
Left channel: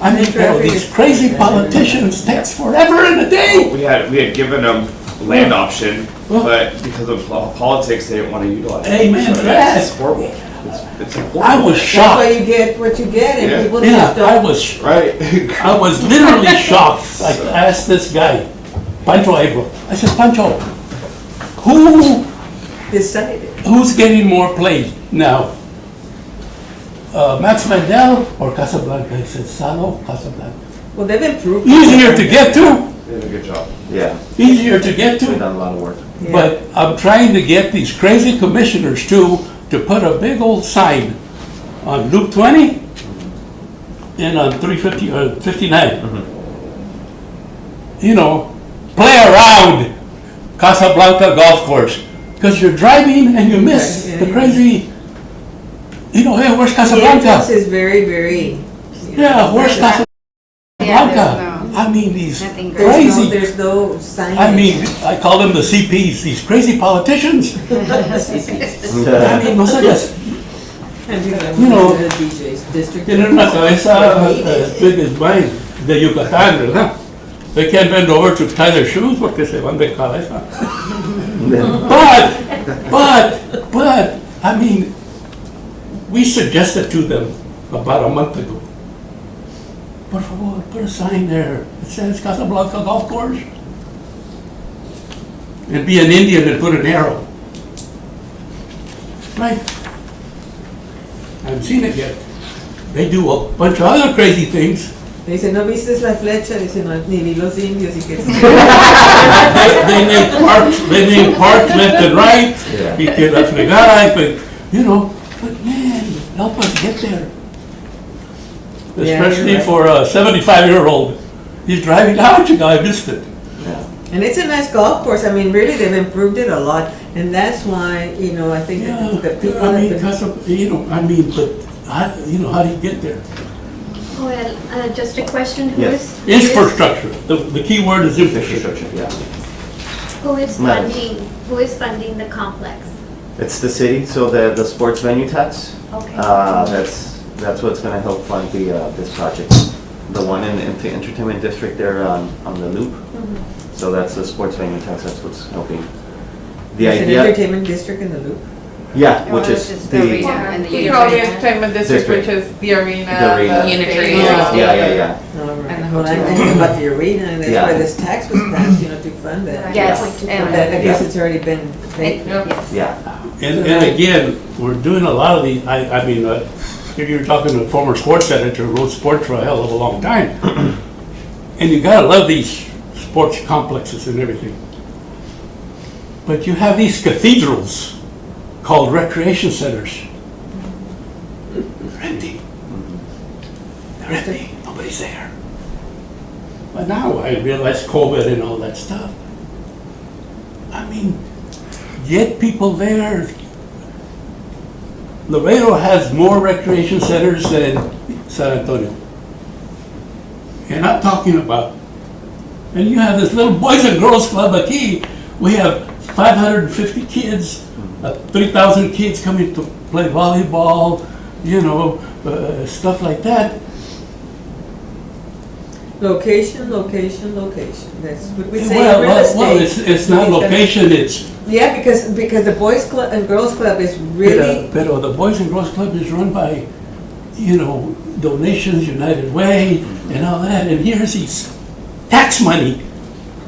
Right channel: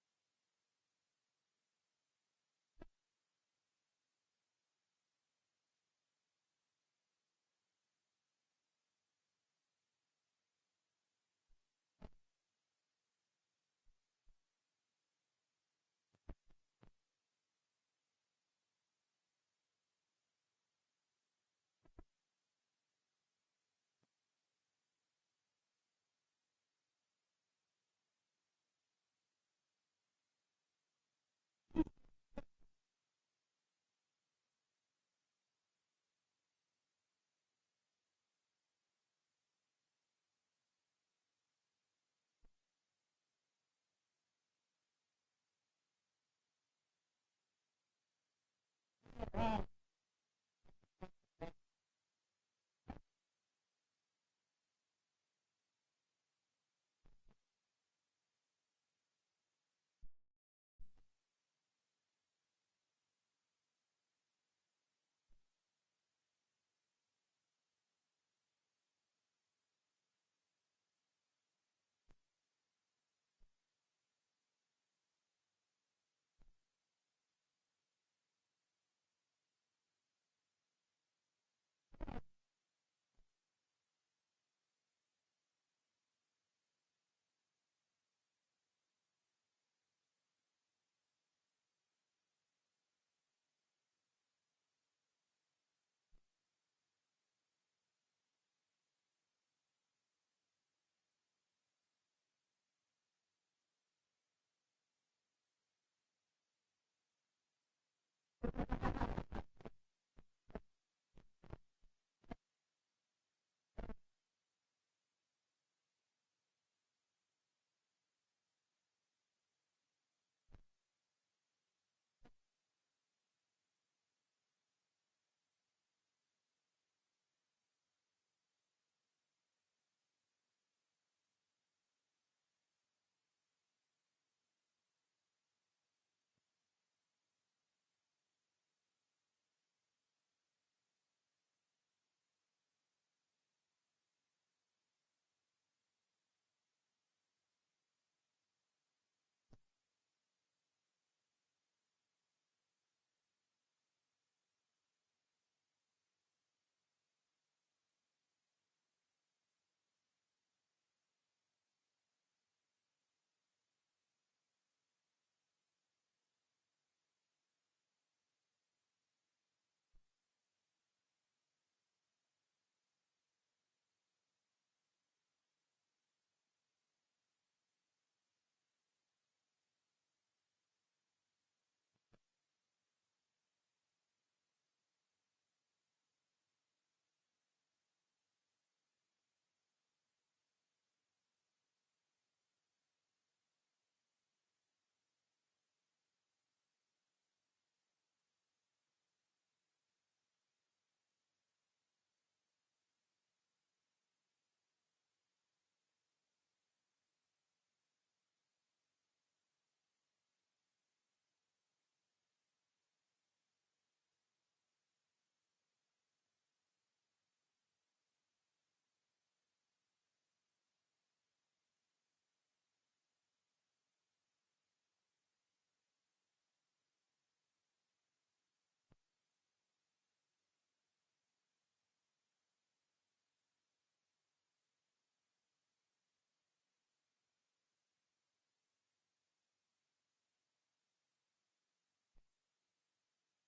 I mean, you know, these crazy politicians takes forever and a day. We had given them land option, but because of politics, they didn't want to utilize it. Amen to So that. It's horrible. It's horrible. I was That's why shocked. you get what you get, and Yeah. people Yeah, just I don't was, Right. I was literally shocked. I asked this guy, Pancho Abel, I said, Pancho, decide it. who's getting more play now? Max Mandel or Casablanca? He said, Salo, Casablanca. Well, they've improved. Easier to get to, They did a good job. Yeah, easier to get we've to. done a lot of work. Yeah. But I'm trying to get these crazy commissioners too, to put a big old sign on Loop 20 and on 350, 59. You know, play around Casablanca Golf Course. Because you're driving and you miss Yeah, the yeah. crazy, you know, hey, where's The entrance Casablanca? is very, very. Yeah, where's Yeah, Casablanca? there's I mean, these nothing There's no, crazy, there's no signage. I mean, I call them the CPs, these crazy politicians. I mean, no sé, you know, District. tienen una cabeza as big as mine, de Yucatán, ¿verdad? They can't bend over to tie their shoes porque se van de cabeza. But, I mean, we suggested to them about a month ago. Por favor, put a sign there. It says Casablanca Golf Course. And be an Indian and put an arrow. Right? I haven't seen it yet. They do a bunch of other crazy things. Dice, no viste la flecha, dice, no, ni vi los indios y que They name parks left and right. Y que la fregada, but, you know, but man, help us get there. Yeah, you're Especially right. for a 75-year-old. He's driving out, you know, I missed it. And it's a nice golf course. I mean, really, they've improved it a lot, and that's why, you know, I think Yeah, that the people I mean, have been. because of, you know, I mean, but, how, you know, how do you get there? Well, just a question, Yes. Infrastructure. The key word is infrastructure. Infrastructure, yeah. Who is Madam. funding the complex? It's the city, so the sports venue tax, Okay. that's what's gonna help fund this project. The one in the entertainment district there on the loop, Mhm. so that's the sports venue tax, that's what's helping. The There's an idea, entertainment district in the loop. yeah, Or which it's is just the, the arena and the We call the arena. entertainment district, which is the arena. The arena. stadium. yeah. All right. And the Well, I hotel. knew about the arena, and that's Yeah. why this tax was passed, you know, to fund that. Yes, But and I guess it's already been paid. Yep. yes. Yeah, And again, we're doing a lot of these, I mean, if you're talking to a former sports editor who wrote sports for a hell of a long time. And you gotta love these sports complexes and everything. But you have these cathedrals called recreation centers. They're empty. They're empty, nobody's there. But now I realize COVID and all that stuff. I mean, get people there. Laredo has more recreation centers than San Antonio. And I'm talking about, and you have this little Boys and Girls Club aquí. We have 550 kids, 3,000 kids coming to play volleyball, you know, stuff like that. Location, location, location. That's what we say Well, in real estate. it's not location, it's, Yeah, because the Boys Club and Girls Club is really, pero the Boys and Girls Club is run by, you know, donations, United Way, and all that, and here's these tax money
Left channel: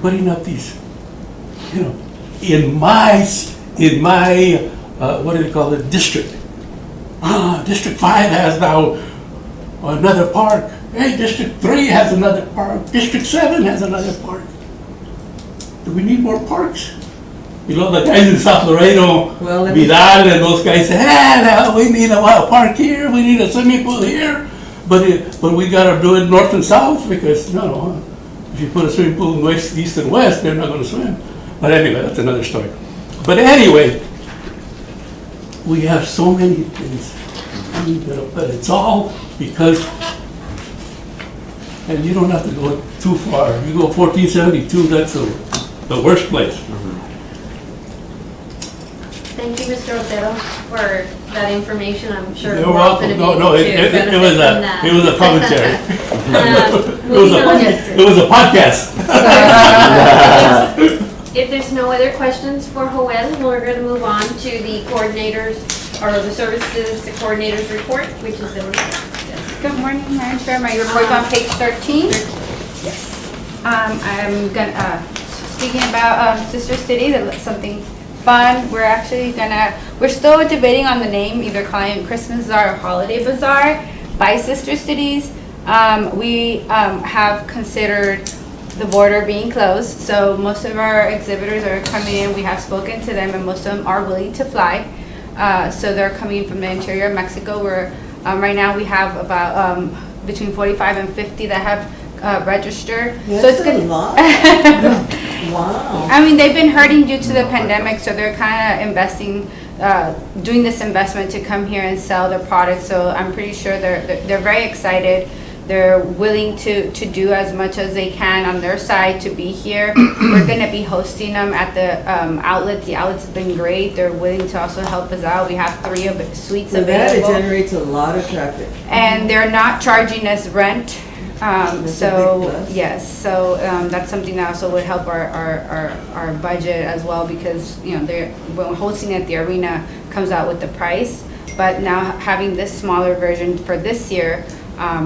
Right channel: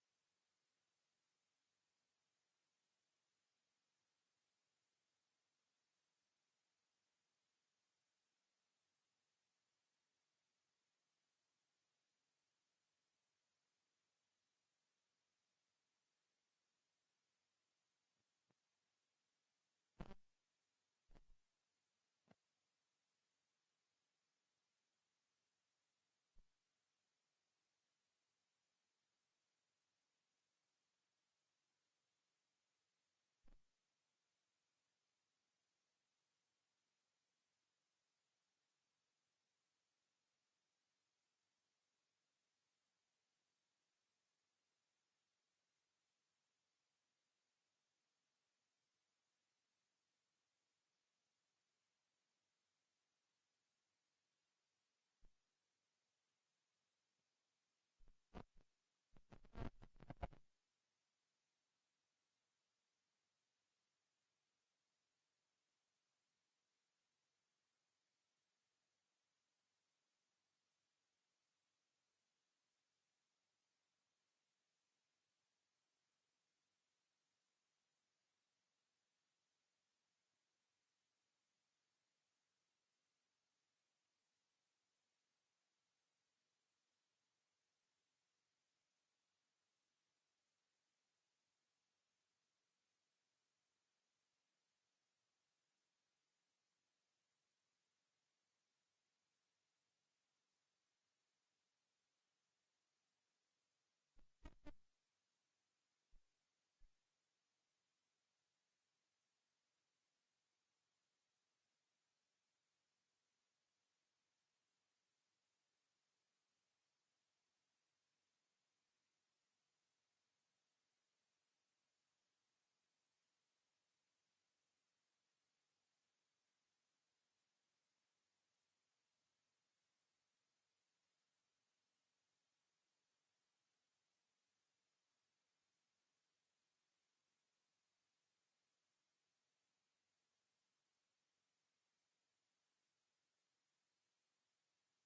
putting up these, you know, in my, what do they call it, district. District 5 has now another park. Hey, District 3 has another park. District 7 has another park. Do we need more parks? You know, the guys in South Laredo, Well, let me- Vidal and those guys say, no, we need a park here, we need a swimming pool here, but we gotta do it north and south because, no, if you put a swimming pool in west, east and west, they're not gonna swim. But anyway, that's another story. But anyway, we have so many things, I mean, but it's all because, and you don't have to go too far. You go 1472, that's the worst place. Thank Thank you, Mr. Otero, for that information. I'm sure You're we're all gonna welcome. be No, able to it benefit was from that. it was a commentary. Moving on. It was a podcast. If there's no other questions for Joel, we're gonna move on to the coordinators, or the services, the coordinators report, which is the. Good morning, Madam Chair. My report's on page 13. Yes. I'm gonna, speaking about Sister City, that's something fun. We're still debating on the name, either calling it Christmas Bazaar or Holiday Bazaar by Sister Cities. We have considered the border being closed, so most of our exhibitors are coming in. We have spoken to them, and most of them are willing to fly. So they're coming from the interior of Mexico. Right now we have about between 45 and 50 that have registered. So That's it's a gonna. lot. Wow. I mean, they've been hurting due to the pandemic, so they're kind of investing, doing this investment to come here and sell their products. So I'm pretty sure they're very excited. They're willing to do as much as they can on their side to be here. We're going to be hosting them at the outlets. The outlets have been great. They're willing to also help us out. We have 3 suites So that it available. generates a lot of traffic. And they're not charging us rent. That's a big So, plus. yes, so that's something that also would help our budget as well, because, you know, when hosting at the arena comes out with the price. But now having this smaller version for this year,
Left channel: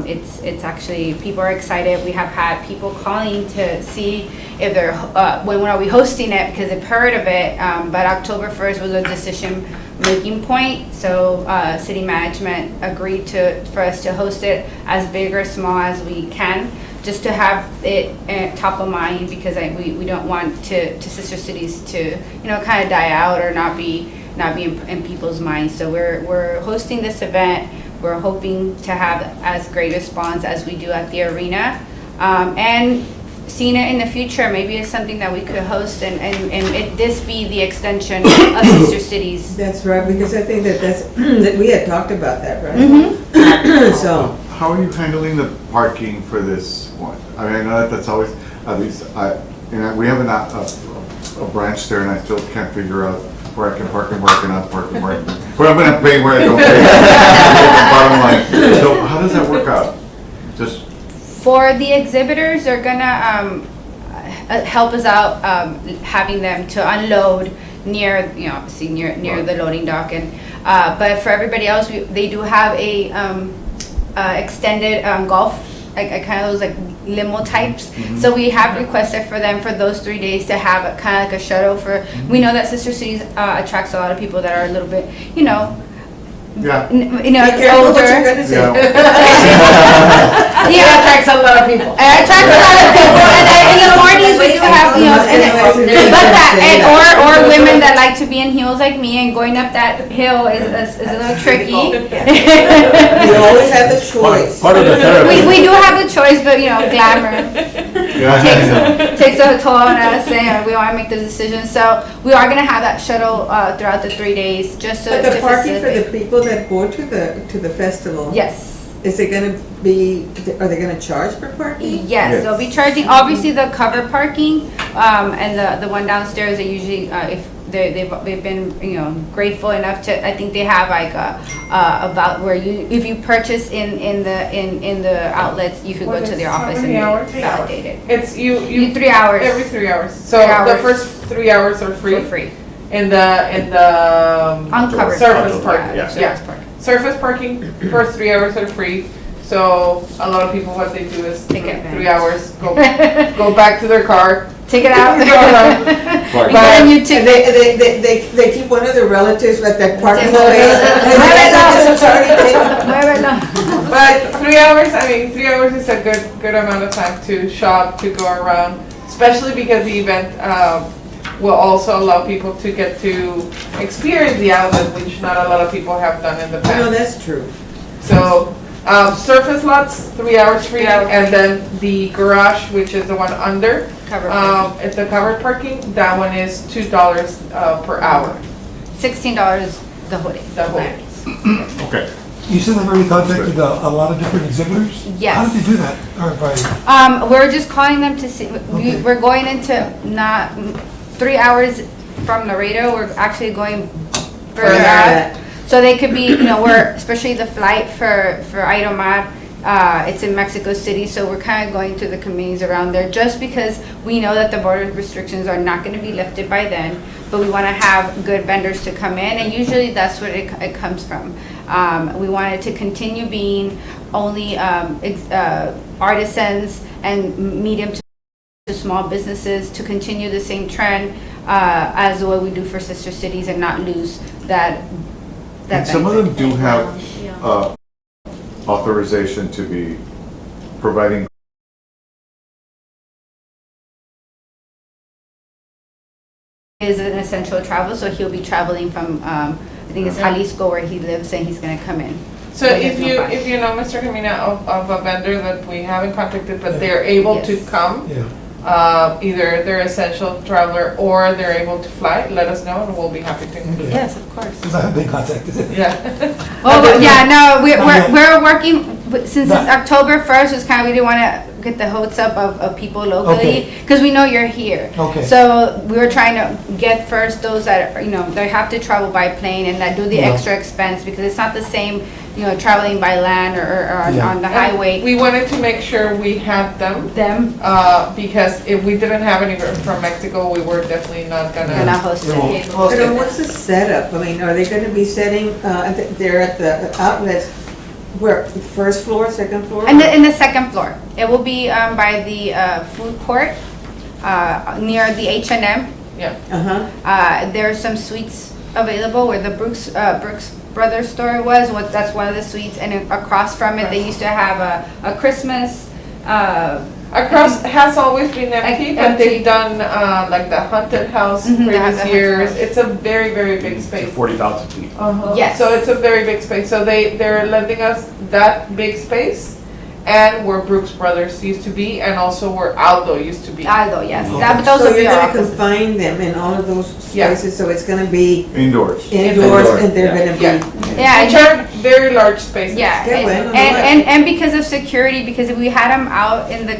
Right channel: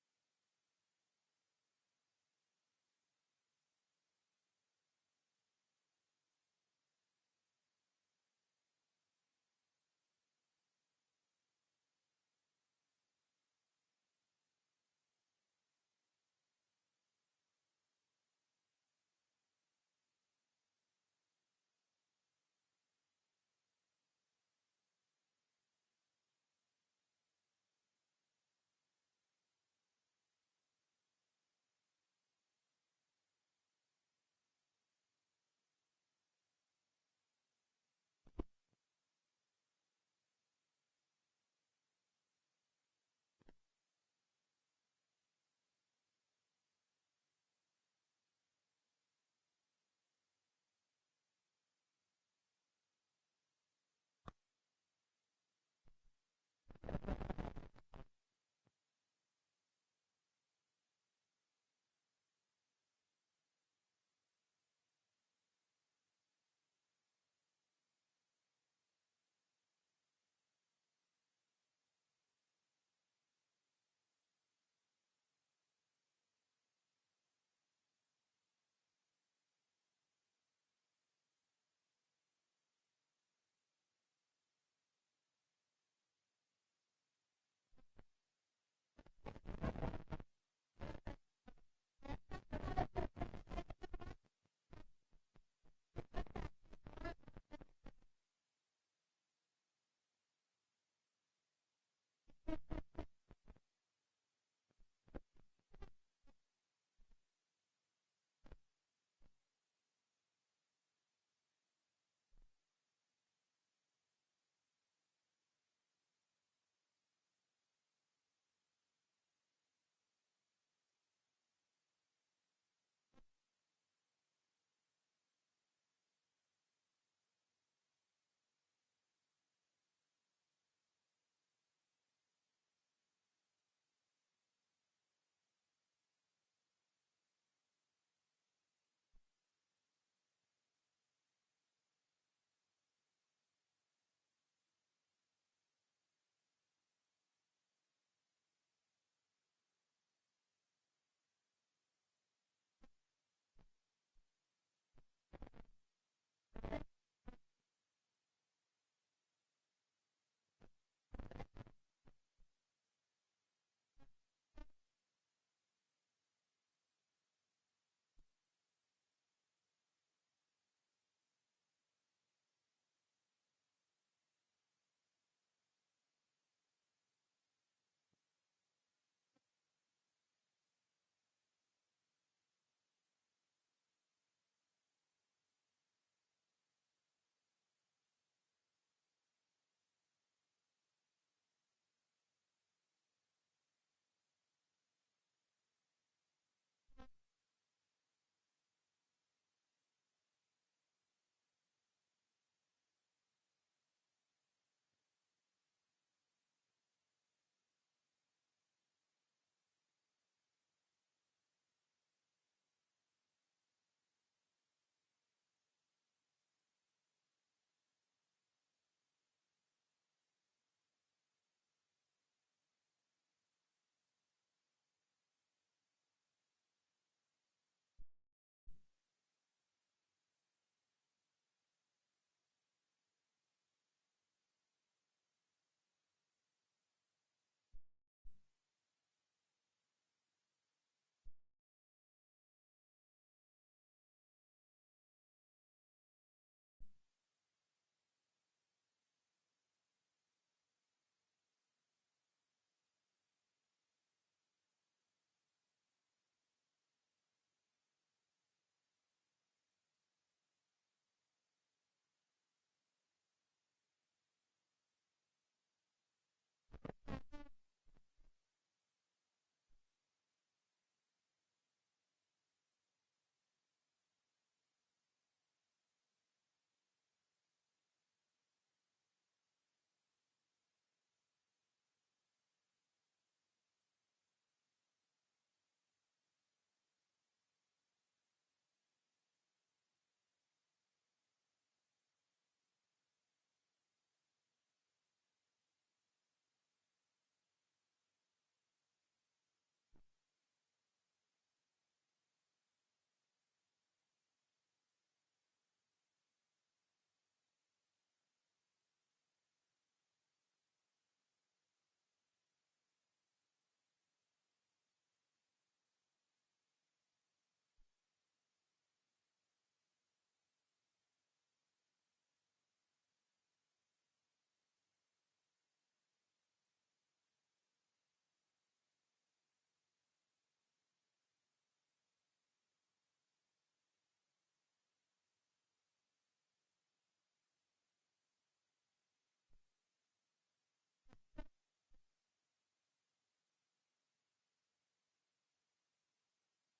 it's actually, people are excited. We have had people calling to see if they're, when are we hosting it, because they've heard of it. But October 1st was a decision-making point, so city management agreed for us to host it as big or small as we can, just to have it top of mind, because we don't want Sister Cities to, you know, kind of die out or not be in people's minds. So we're hosting this event. We're hoping to have as great a response as we do at the arena. And seeing it in the future, maybe it's something that we could host and this be the extension of Sister Cities. That's right, because I think that's, that we had talked about that, right? Mm-hmm. So, How are you handling the parking for this one? I mean, I know that's always, at least, we have a branch there, and I still can't figure out where I can park and where I cannot park and where I'm gonna pay, where I don't pay. Bottom line. So how does that work out? Just, For the exhibitors, they're gonna help us out, having them to unload near, you know, obviously near the loading dock. And but for everybody else, they do have a extended golf, like kind of those like limo types. So we have requested for them for those 3 days to have a kind of like a shuttle for. We know that Sister Cities attracts a lot of people that are a little bit, you know. yeah. be careful what you're Older. gonna say. Yeah. Yeah, attracts a lot of people. It attracts a lot of people, and in the mornings we do have, you know, or women that like to be in heels like me, and going up that hill is a little tricky. You always have the choice. Part of the therapy. We do have the choice, but you know, glamour Yeah. takes a toll on us, and we want to make the decision. So we are gonna have that shuttle throughout the 3 days, just But to the parking for the facilitate. people that go to the festival. Yes. Is it gonna be, are they gonna charge for parking? Yes, they'll be charging, obviously the cover parking, and the one downstairs, they usually, if they've been, you know, grateful enough to, I think they have like about where if you purchase in the outlets, you could go to their How office and many hours? validate it. It's you 3 hours. every 3 hours. So 3 the hours. first 3 hours are free. For free. In the Uncovered. surface parking, parking. yeah, Yeah. surface parking. Surface parking, first 3 hours are free. So a lot of people, what they do is Take advantage. 3 hours, go back to their car. Take it out. Go around. We got a new And ticket. they keep one of their relatives at that parking Take space. it. It's already taken. But 3 hours, I mean, 3 hours is a good amount of time to shop, to go around, especially because the event will also allow people to get to experience the outlet, which not a lot of people have done in the No, past. that's true. So, surface lots, 3 hours free, and then the garage, which is the one under, Cover parking. it's the covered parking, that one is $2 per hour, $16 the whole day. the whole. Okay. You said they've already contacted a lot of different exhibitors? Yes. How did they do that? Or by, We're just calling them to see, Okay. we're going into not 3 hours from Laredo, we're actually going further that. out. So they could be, we're, especially the flight for Idomar, it's in Mexico City, so we're kind of going through the communities around there, just because we know that the border restrictions are not gonna be lifted by then, but we wanna have good vendors to come in, and usually that's what it comes from. We want it to continue being only artisans and medium to small businesses, to continue the same trend as what we do for sister cities, and not lose that And some of them benefit. do have Yeah. authorization to be providing Is an essential travel, so he'll be traveling from, I think it's Jalisco where he lives, and he's gonna come in. So But there's if no you, bus. if you know, Mr. Camina, of a vendor that we haven't contacted, but they're able to Yes. come, Yeah. either they're essential traveler or they're able to fly, let us know and we'll be happy to include them. Yes, of course. Because I have been contacted. Yeah. Oh, but yeah, no, Not yet. we're working, since Not- October 1st was kind of, we didn't want to get the hopes up of people locally, Okay. because we know you're here. Okay. So we were trying to get first those that, they have to travel by plane and that do the Yeah. extra expense, because it's not the same, traveling by land or Yeah. on the highway. We wanted to make sure we had them, Them, because if we didn't have any from Mexico, we were definitely not and gonna I host Yeah. it. host But it. what's the setup? I mean, are they gonna be setting, they're at the outlets, where, first floor, second floor? In the second floor. It will be by the food court, near the H&M. Yeah. Uh-huh. There are some suites available where the Brooks Brothers store was. That's one of the suites, and across from it, they used to have a Christmas. Across has always been empty, but Empty. they've done, like the haunted house Mhm, the previous haunted years. house. It's a very, very big space. 40,000 feet. Yes. So it's a very big space. So they're lending us that big space and where Brooks Brothers used to be and also where Aldo used to be. Aldo, yes. Okay. Those So will be you're our gonna offices. confine them in all of those Yeah. spaces, so it's gonna be indoors. indoors Indoor, and they're yeah. gonna Yeah. be. Yeah, Which are very large spaces. Yeah, Qué bueno, no and because of security, because if we had them out in the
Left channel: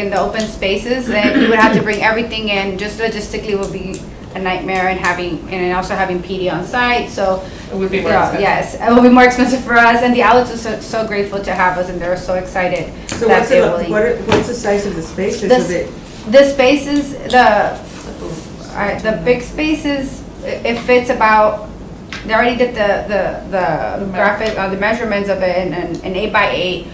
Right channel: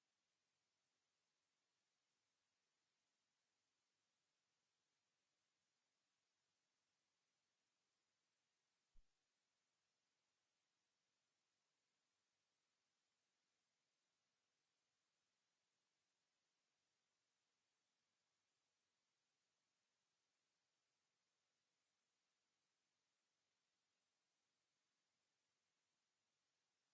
in the open spaces, then you would have to bring everything in. Just logistically would be a nightmare, and also having PD on site. So It would be more yeah, expensive. yes, it will be more expensive for us. And the outlets are so grateful to have us, and they're so excited So that what's they're the, willing. what's the size of the spaces? This- Is it- The spaces, the big spaces, it fits about. They already did the graphic, the measurements of it, and an 8x8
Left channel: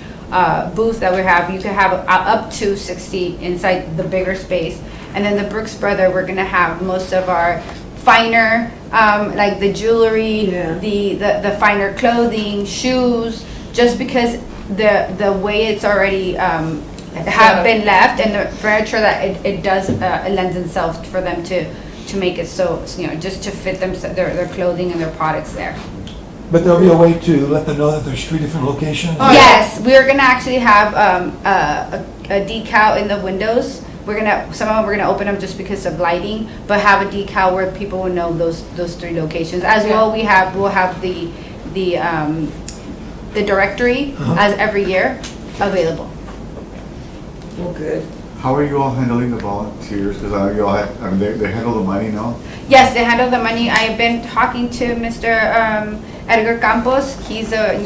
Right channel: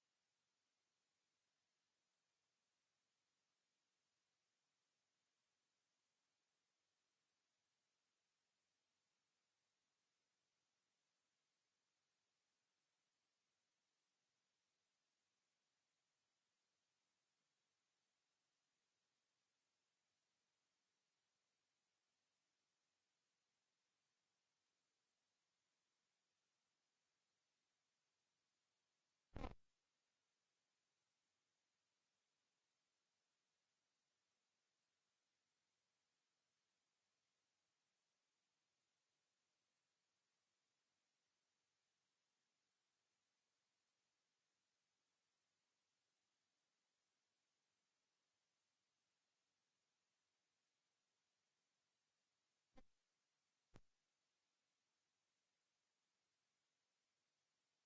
booth that we have. You can have up to 60 inside the bigger space. And then the Brooks Brother, we're gonna have most of our finer, like the jewelry, Yeah. the finer clothing, shoes, just because the way it's already have been left, and the furniture that it does it lends itself for them to make it so, just to fit them, their clothing and their products there. But there'll be a way to let them know that there's 3 different locations? Oh, Yes, we are gonna actually have a decal in the windows. Some of them we're gonna open them just because of lighting, but have a decal where people will know those 3 locations. As well, we'll have the directory as every year available. Oh, good. How are you all handling the volunteers? Because you all have, I mean, they handle the money, no? Yes, they handle the money. I've been talking to Mr. Edgar Campos. He's the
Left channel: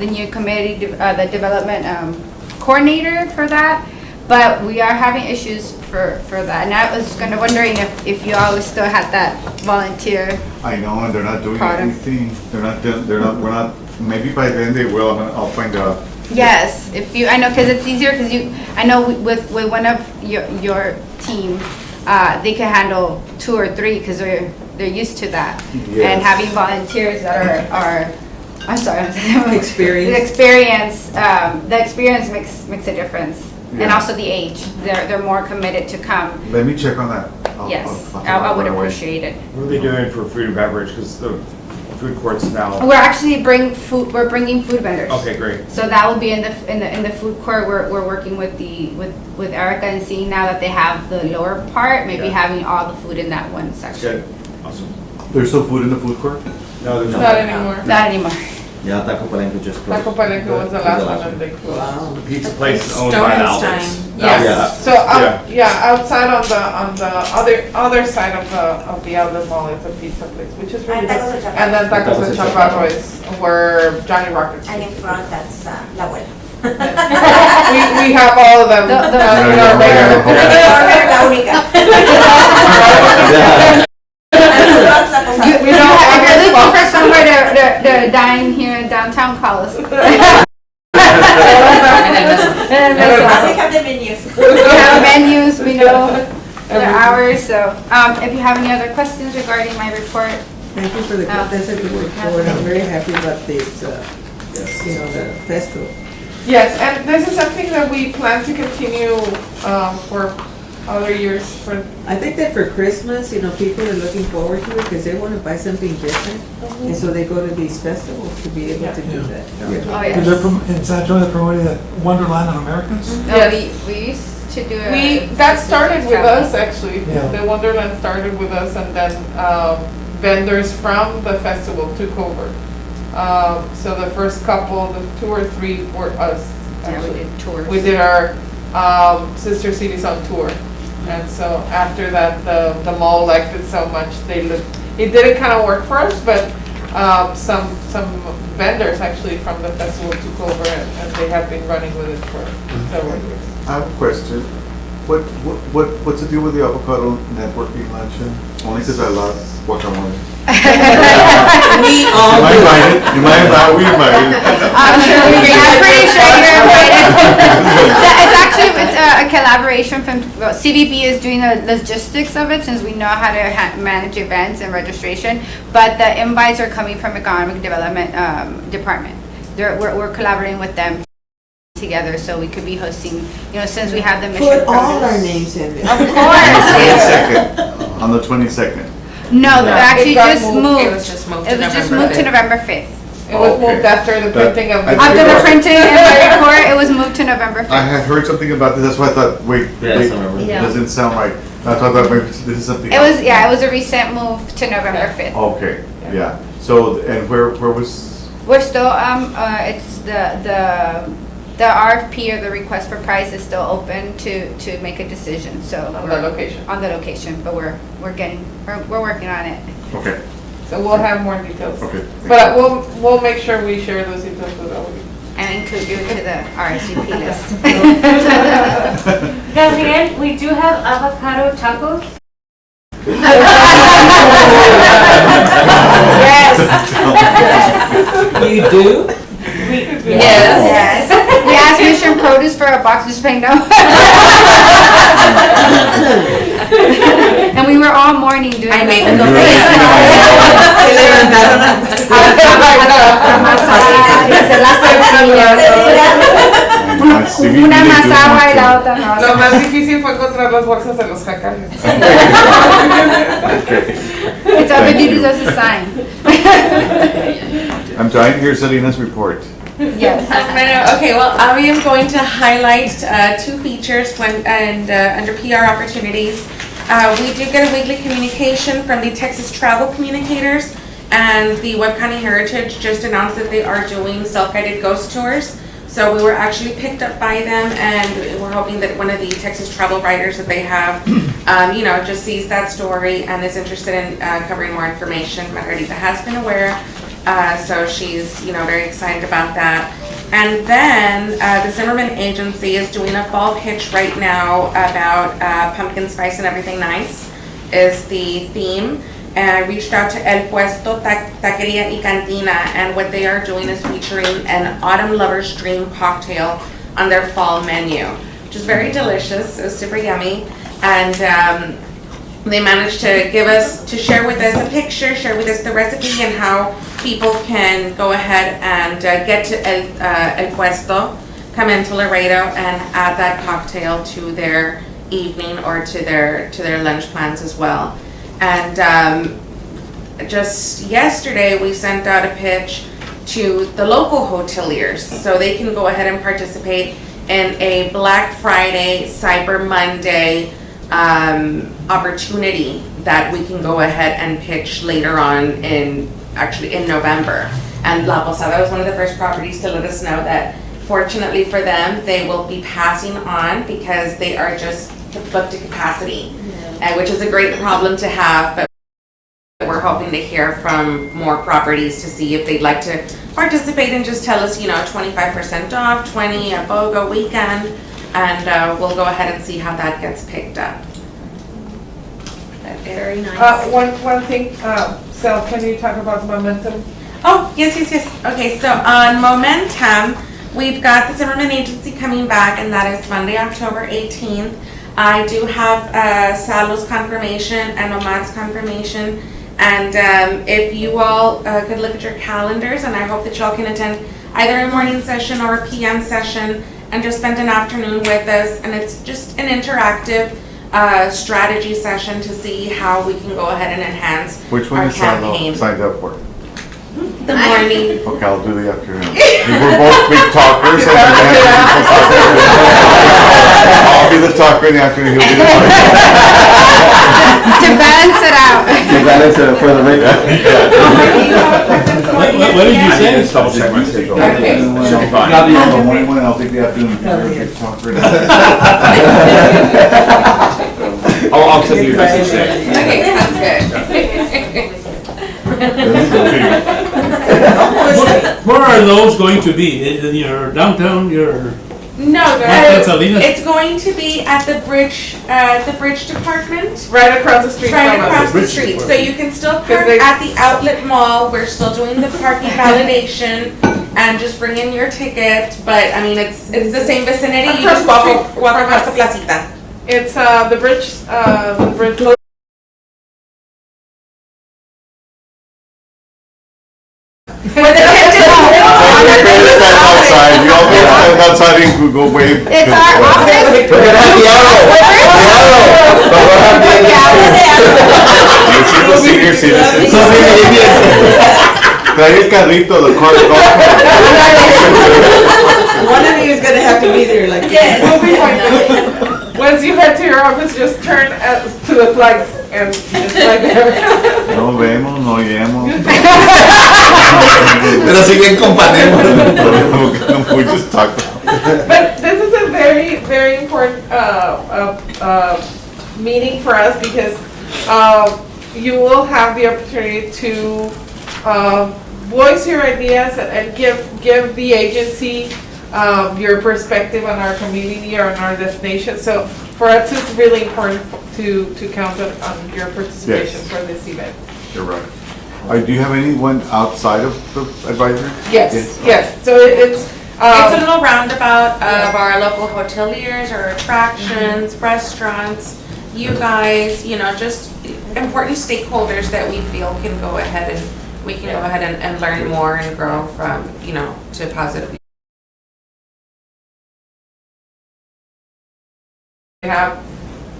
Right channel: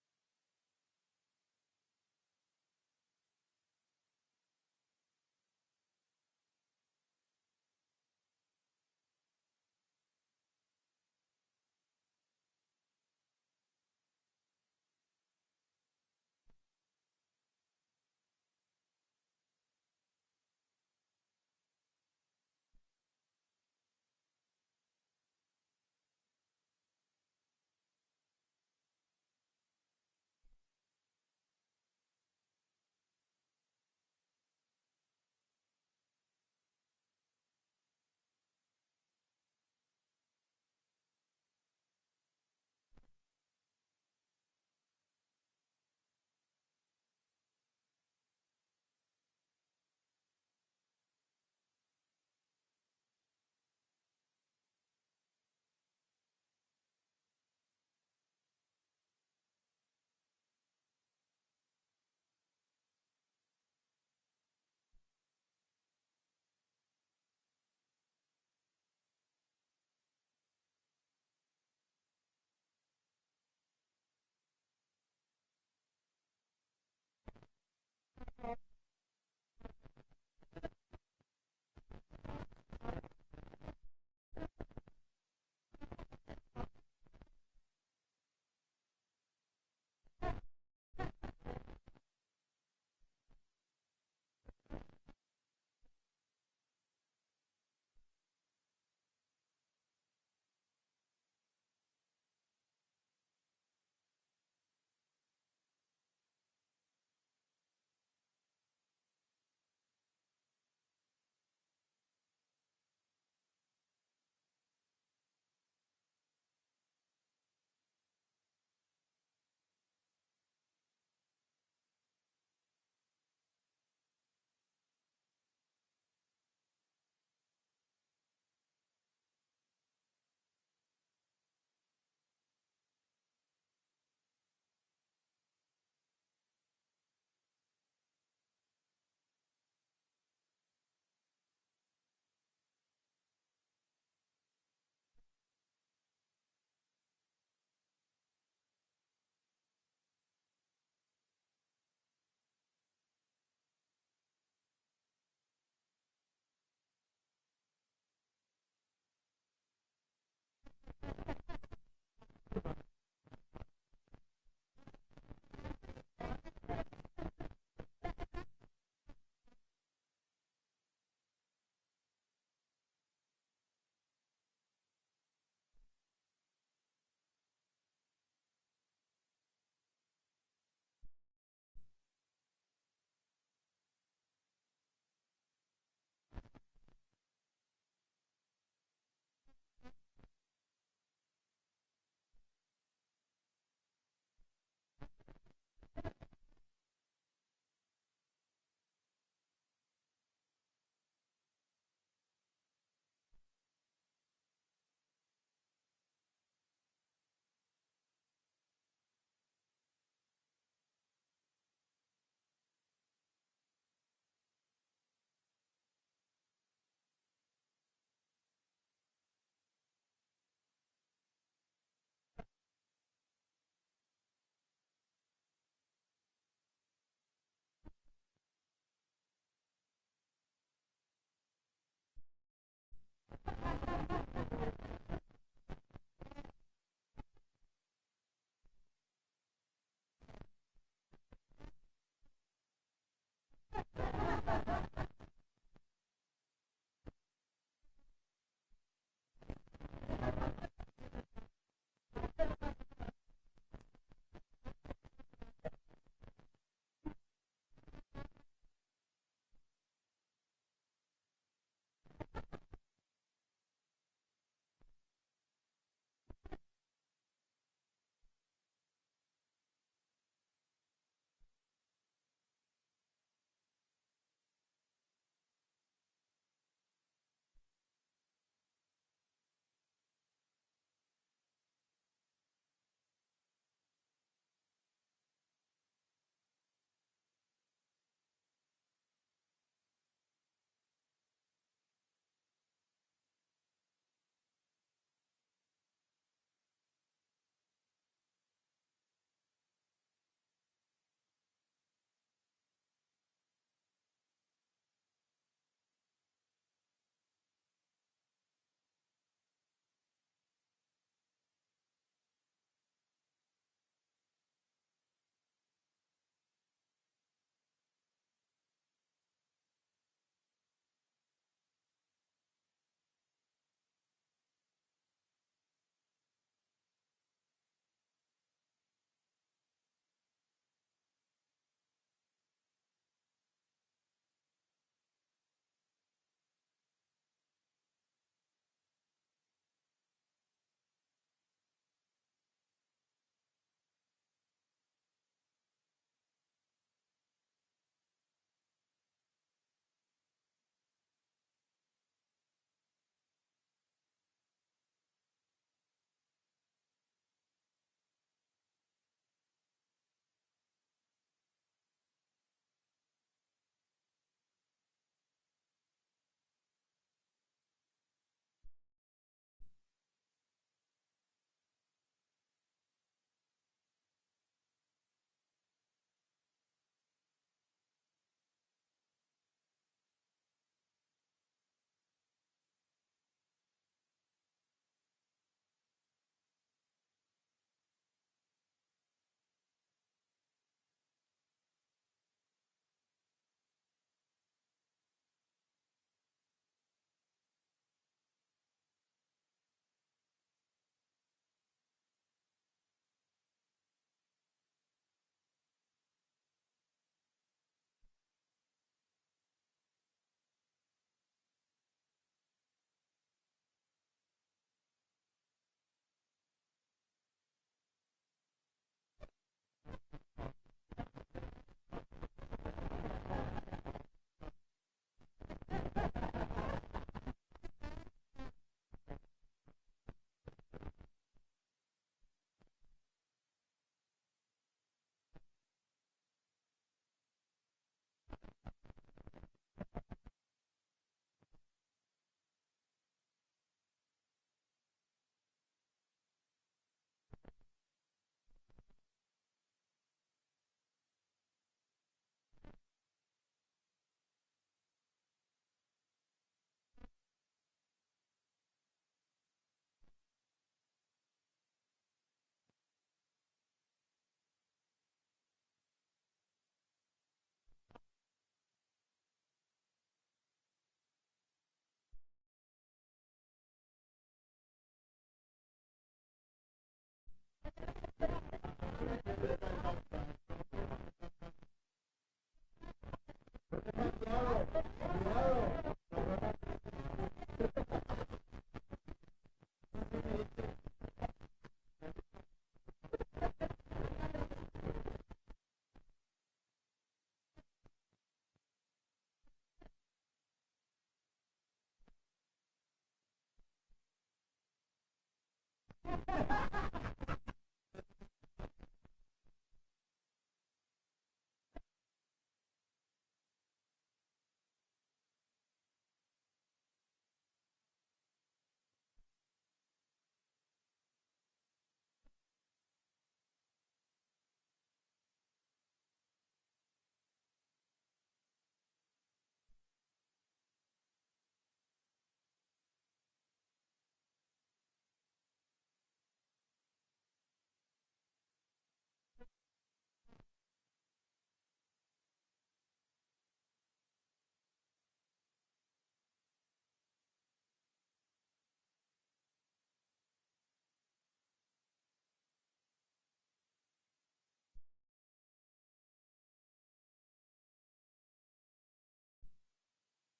new committee, the development coordinator for that. But we are having issues for that. And I was wondering if you always still had that volunteer. I know, and they're not doing Product. anything. We're not, maybe by then they will, I'll find out. Yes, I know, because it's easier, I know with one of your team, they can handle 2 or 3, because they're used to that. Yes. And having volunteers that are, I'm sorry. Experience. The experience makes a difference. And Yeah. also the age, they're more committed to come. Let me check on that. Yes, I'll I would right away. appreciate it. What are they doing for food and beverage? Because the food court's now. We're actually bringing food vendors. Okay, great. So that will be in the food court. We're working with Erica and seeing now that they have the lower part, maybe Yeah. having all the food in that one That's section. good. Awesome. There's still food in the food court? No, there's Not anymore. Not anymore. Yeah, Taco Palenque just closed. Taco Palenque was the last one and they closed. Wow. The pizza place is owned by the Alberts. Yes, Yeah. so, outside on the other side of the outlet mall is a pizza place, which is really And good. Tacos El Chaparro. And then Tacos Tacos El El Chaparro Chaparro. is where Johnny Rockets. And in front, that's La Abuela. We have all of them. The- in our regular- La única. Yeah. We don't If have you're looking for spots. somewhere to dine here in downtown, call us. I have the menus. We have menus, we know the hours, so, if you have any other questions regarding my report, Thank you for the, that's a good report. I'm very happy about this, the festival. Yes, and this is something that we plan to continue for other years for. I think that for Christmas, people are looking forward to it because they want to buy something different. And so they go to these festivals to be able to do that. oh, And yes. in San Antonio, they're promoting that Wonderland of Americas. No, Yes. we used to do it. That started with us, actually. Yeah. The Wonderland started with us, and then vendors from the festival took over. So the first couple, the 2 or 3 were us, Yeah, we actually. did tours. We did our Sister Cities on tour. And so after that, the mall liked it so much, it didn't kind of work for us, but some vendors actually from the festival took over and they have been running with it for several years. I have a question. What's the deal with the avocado networking luncheon? Only because I love guacamole. We You all might do. invite it. You might invite. We invite it. I'm pretty sure you're invited. It's a collaboration from, CVB is doing the logistics of it since we know how to manage events and registration, but the invites are coming from Economic Development Department. We're collaborating with them together so we could be hosting, since we have the Mission Put all Produce. our names in there. Of course. 22nd. On the 22nd. No, they actually It got just moved. moved. It was just moved to It was just November moved to 5th. November 5th. It was Okay. moved after the printing of the. After the printing and the report, it was moved to November I 5th. had heard something about this. That's why I thought, wait, Yes, I remember. Yeah. doesn't sound right. I thought that maybe this is something. It was, it was a recent move to November 5th. Okay, yeah. So, and where was? We're still, it's the RFP or the request for price is still open to make a decision, so. On the location. On the location, but we're working on it. Okay, So we'll have more details. okay. But we'll make sure we share those details with all of you. And include you to the RSVP list. Gabriel, we do have avocado tacos. You do? Yes. We asked Mission Produce for a box, just saying no. And we were all morning doing. I made it. them Una más agua y la otra no. Lo más difícil fue encontrar las bolsas de los jacales. It's our duty as a sign. I'm dying to hear Selena's report. Yes. Okay, well, I am going to highlight 2 features under PR opportunities. We do get a weekly communication from the Texas Travel Communicators, and the Webb County Heritage just announced that they are doing self-guided ghost tours. So we were actually picked up by them, and we're hoping that one of the Texas travel writers that they have, just sees that story and is interested in covering more information. Margarita has been aware, so she's, very excited about that. And then the Zimmerman Agency is doing a fall pitch right now about pumpkin spice and everything nice is the theme. And I reached out to El Puesto Taqueria y Cantina, and what they are doing is featuring an Autumn Lover's Dream cocktail on their fall menu, which is very delicious. It was super yummy, and they managed to share with us a picture, share with us the recipe, and how people can go ahead and get to El Puesto, come into Laredo, and add that cocktail to their evening or to their lunch plans as well. And just yesterday, we sent out a pitch to the local hoteliers so they can go ahead and participate in a Black Friday, Cyber Monday opportunity that we can go ahead and pitch later on in November. And La Posada was one of the first properties to let us know that fortunately for them, they will be passing on because they are just booked to capacity, which is a great problem to have, but we're hoping to hear from more properties to see if they'd like to participate and just tell us, 25% off, 20 a BOGO weekend, and we'll go ahead and see how that gets picked up. Very nice. One thing, Sal, can you talk about momentum? Oh, yes. Okay, so on Momentum, we've got the Zimmerman Agency coming back, and that is Monday, October 18th. I do have Salo's confirmation and Omad's confirmation. And if you all could look at your calendars, and I hope that y'all can attend either a morning session or a PM session and just spend an afternoon with us. And it's just an interactive strategy session to see how we can go ahead and enhance Which one our is Salo campaign. signed up for? The morning. Okay, I'll do the afternoon. We're both big talkers. I'll be the talker in the afternoon, he'll be the talker. To balance it out. To balance it for the record. What did you say? Just double check my schedule. Okay. Should be fine. I'll be the morning one, I'll take the afternoon. Big talker. I'll send you a message today. Okay, sounds good. Where are those going to be? In your downtown, your? No, Salinas? it's going to be at the bridge department. Right across the street Right from us. across the Bridge street, so department. you can still Because park they- at the outlet mall, we're still doing the parking validation, and just bring in your ticket, but, I mean, it's the same vicinity, you Across just the walk street across the from us. placita. It's the bridge. Where the Outside, we all go stand outside and we go wave. It's our office. We're gonna have the arrow. But we'll have You see the senior citizens. the Trae el carrito, the car, the golf cart. One of you is gonna have to be there, like. We'll be fine. Once you head to your office, just turn to the flags and just right there. No vemos, no oímos. Pero siguen companemos. We just talk. But this is a very, very important meeting for us because you will have the opportunity to voice your ideas and give the agency your perspective on our community or on our destination. So for us, it's really important to count on your participation Yes. for this event. You're right. Do you have anyone outside of the advisory? Yes. So it's It's a little roundabout of our local hoteliers or attractions, restaurants, you guys, just important stakeholders that we feel can go ahead and we can go ahead and learn more and grow from, to positive. have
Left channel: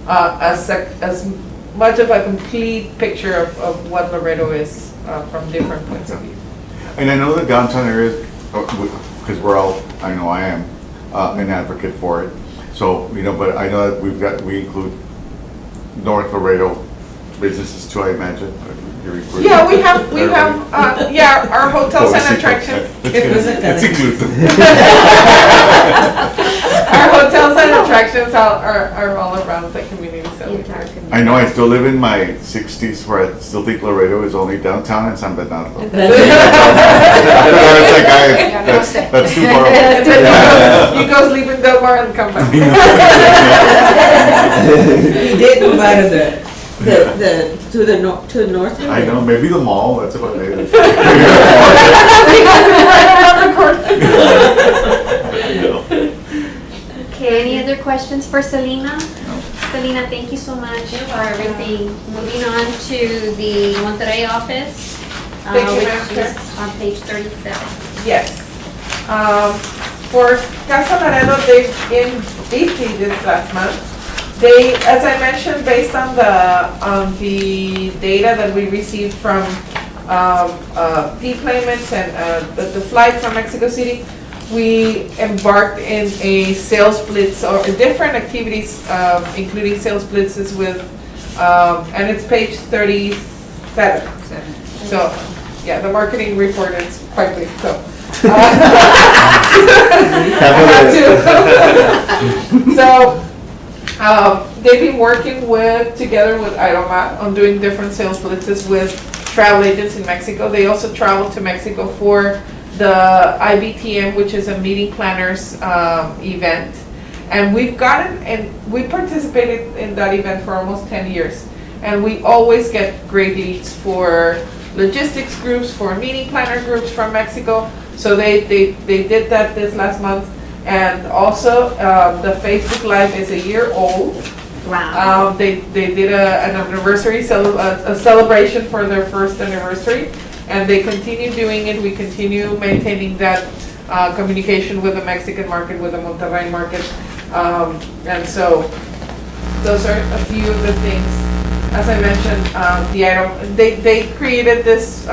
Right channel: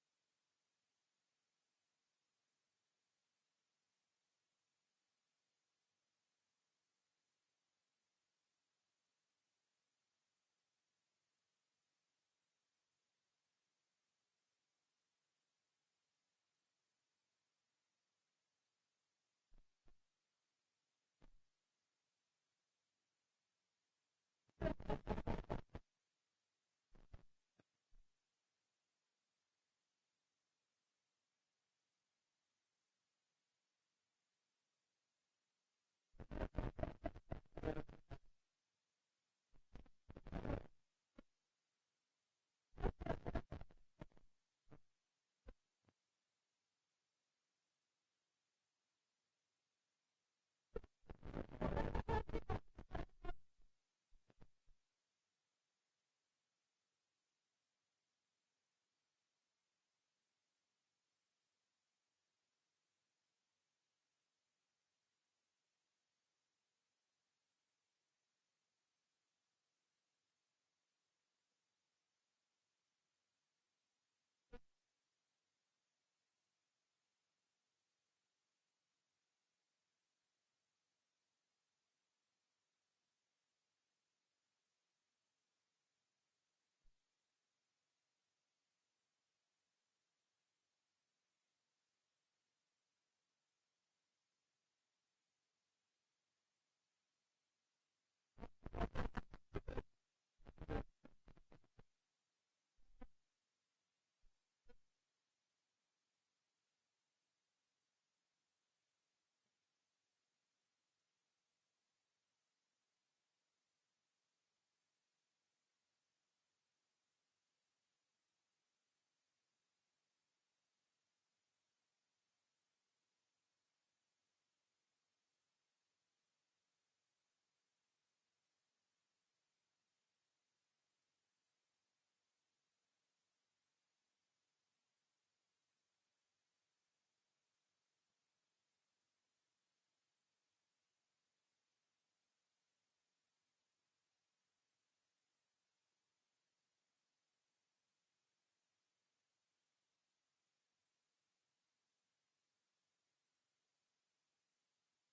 as much of a complete picture of what Laredo is from different points of view. And I know the downtown area, because I know I am an advocate for it. So, but I know that we include North Laredo businesses too, I imagine. Yeah, we have our hotels and attractions. It's inclusive. Our hotels and attractions are all around the community, so. I know I still live in my 60s where I still think Laredo is only downtown and San Bernardo. After that, it's like, that's too far away. You go sleep in Del Mar and come back. He did move out of to the north. I know, maybe the mall, that's about it. Okay, any other questions for Selena? Selena, thank you so much for everything. Moving on to the Monterrey office, Thank you, Madam which Chair. is on page 37. Yes. For Casa Laredo, they've been busy this last month. They, as I mentioned, based on the data that we received from deployments and the flight from Mexico City, we embarked in a sales blitz or different activities, including sales blitzes with, and it's page 37. So, Yeah, the marketing report is quite big, so. So, they've been working together with IDOMAT on doing different sales blitzes with travel agents in Mexico. They also traveled to Mexico for the IBTM, which is a meeting planners event. And we participated in that event for almost 10 years. And we always get great leads for logistics groups, for meeting planner groups from Mexico. So they did that this last month. And also, the Facebook Live is a year old. Wow. They did an anniversary, a celebration for their first anniversary. And they continue doing it. We continue maintaining that communication with the Mexican market, with the Monterrey market. And so those are a few of the things. As I mentioned, they created this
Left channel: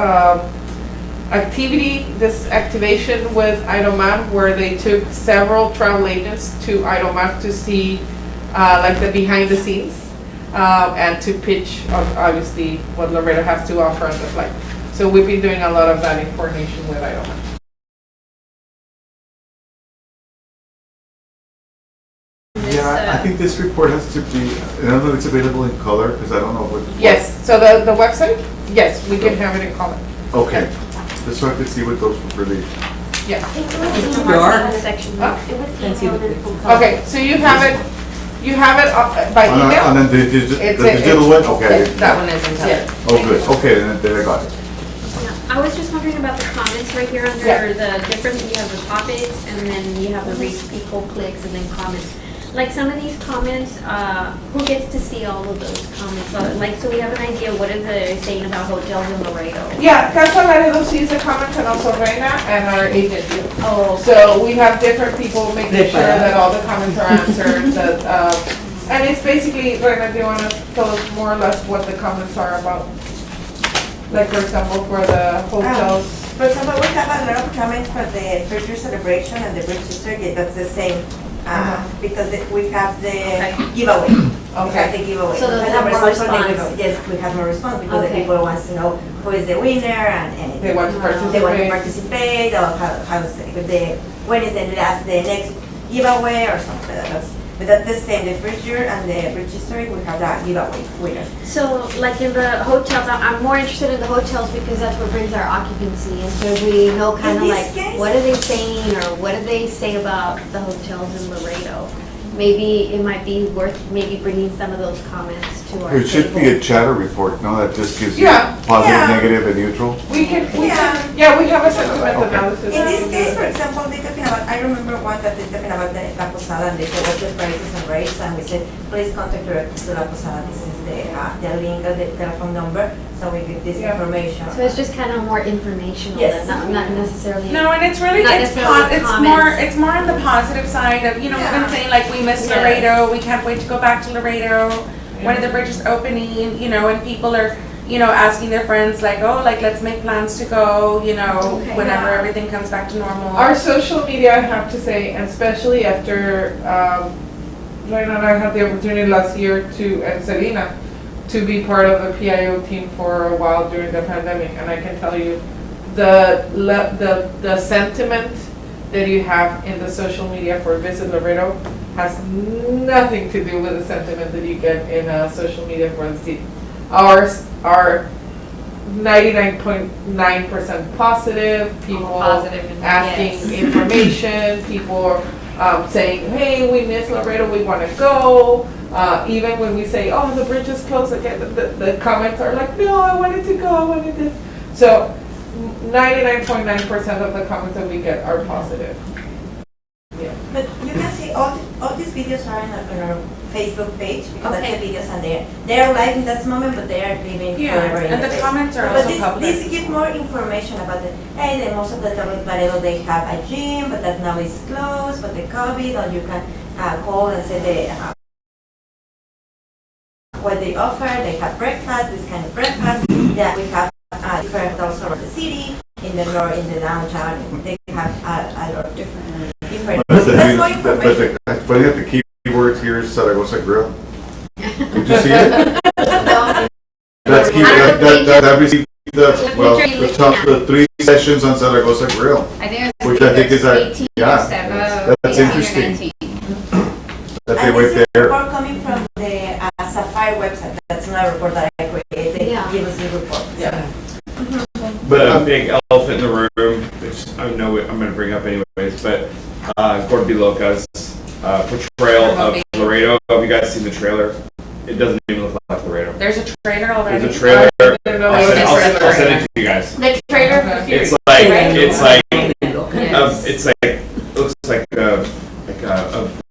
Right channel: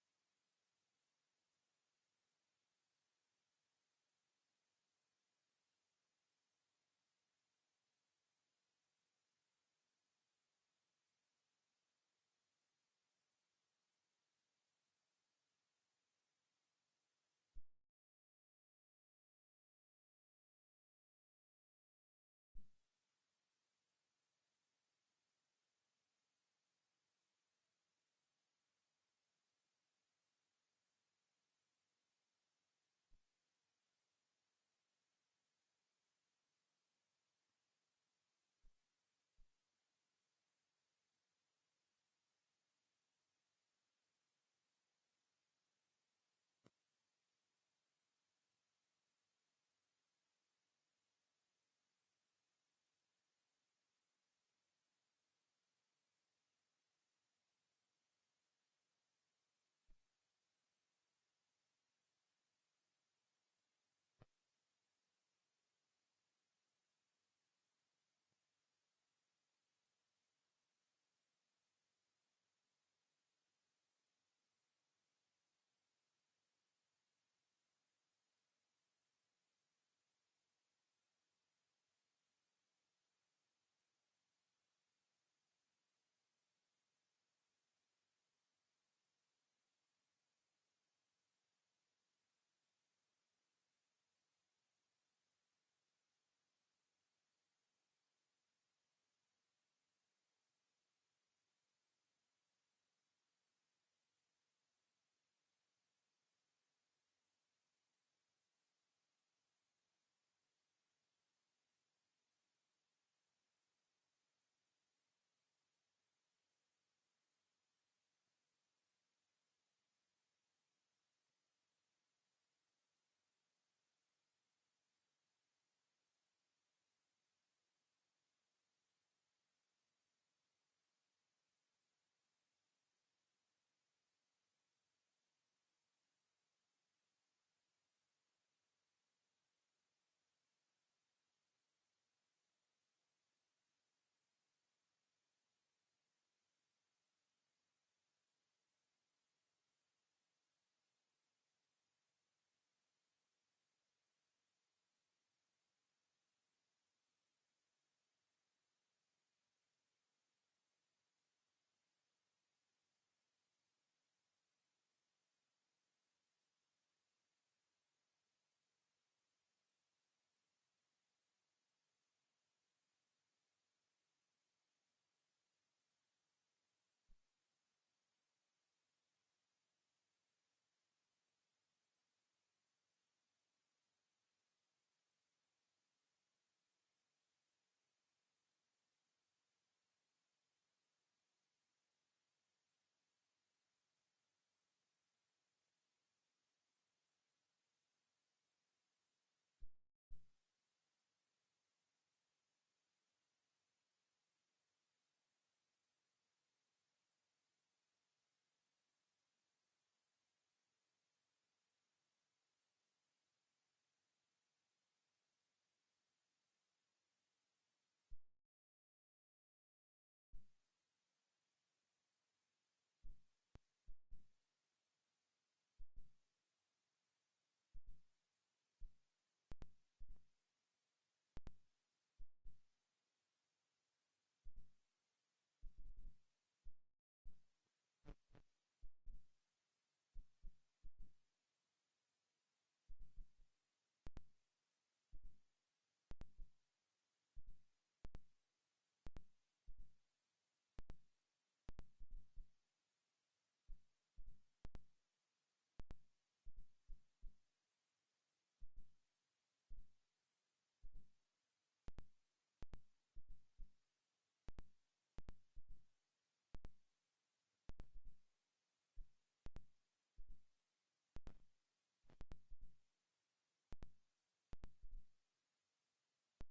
this activation with IDOMAT, where they took several travel agents to IDOMAT to see like the behind the scenes and to pitch obviously what Laredo has to offer on the flight. So we've been doing a lot of that in coordination with IDOMAT. Yeah, I think this report has to be, I don't know if it's available in color, because I don't know what. Yes, so the website, yes, we can have it in color. Okay, just so I could see what those were really. Yeah. Section. Okay, so you have it by email? And then the digital one, okay. That one is in color. Yeah. Oh, good, okay, then I got it. I was just wondering about the comments right here under Yeah. the different, you have the topics and then you have the reach people, clicks, and then comments. Like some of these comments, who gets to see all of those comments? So we have an idea, what are they saying about hotels in Laredo? Yeah, Casa Laredo sees the comments and also Reina and our agent. Oh. So we have different people making sure that all the comments are answered, that, and it's basically, Reina, do you want to tell us more or less what the comments are about? Like, for example, for the hotels. For example, we have a lot of comments for the first year celebration and the British Circuit. That's the same, because we have the giveaway. We have the giveaway. So those We have more response from the response. giveaway. Yes, we have more response because the Okay. people wants to know who is the winner and They want to they want to participate. participate or when is the next giveaway or something like that. But that's the same, the first year and the British Historic, we have that giveaway winner. So like in the hotels, I'm more interested in the hotels because that's what brings our occupancy. And so we know kind of In like, this case- what are they saying or what do they say about the hotels in Laredo? Maybe it might be worth maybe bringing some of those comments to our table. It should be a chatter report, no, that just gives you Yeah. positive, Yeah. negative, and neutral. We can, we have a sentiment Okay. analysis. In this case, for example, they're talking about, I remember one that they're talking about the La Posada, and they said, what's the prices and rates? And we said, please contact directly to La Posada. This is the link, the telephone number, so we get this Yeah. information. So it's just kind of more informational, Yes. than not necessarily. No, and it's really, Not it's necessarily comments. it's more on the positive side of, you know, we've been Yeah. saying like, we miss Yes. Laredo, we can't wait to go back to Laredo. When are the bridges opening, you know, and people are, you know, asking their friends like, oh, like, let's make plans to go, you know, Okay. whenever Yeah. everything comes back to normal. Our social media, I have to say, especially after, Reina and I had the opportunity last year and Selena, to be part of the PIO team for a while during the pandemic, and I can tell you, the sentiment that you have in the social media for Visit Laredo has nothing to do with the sentiment that you get in social media for the city. Ours are 99.9% positive, people Positive and- asking yes. information, people saying, hey, we miss Laredo, we want to go. Even when we say, oh, the bridge is closed again, the comments are like, no, I wanted to go, I wanted this. So 99.9% of the comments that we get are positive. Yeah. But you can see all these videos are on our Facebook page, because that's the videos and they are live in that moment, but they are living Yeah, forever in and the page. comments are But also this, public. this give more information about most of the time in Laredo they have a gym, but that now is closed, but the COVID, or you can call and say what they offer. They have breakfast, this kind of breakfast. Yeah, we have different hotels around the city, in the north, in the downtown. They have a lot of different. That's more information. But the keywords here is Zaragoza Grill. Did you see it? That's key, that received the 3 sessions on Zaragoza Grill. I think it's Which I think is a- 18 yeah, or 7, that's 18 or interesting. 19. That they And went this is a there. report coming from the Sapphire website. That's not a report that I created. They Yeah. give us the report. Yeah. But a big elephant in the room, which I know I'm gonna bring up anyways, but Gordon B. Loca's portrayal of Laredo. Have you guys seen the trailer? It doesn't even look like Laredo. There's a trailer already. There's a trailer. didn't know I'll there was send, a I'll trailer. send it to you guys. The trailer for Fury. It's like Right? it's like it looks like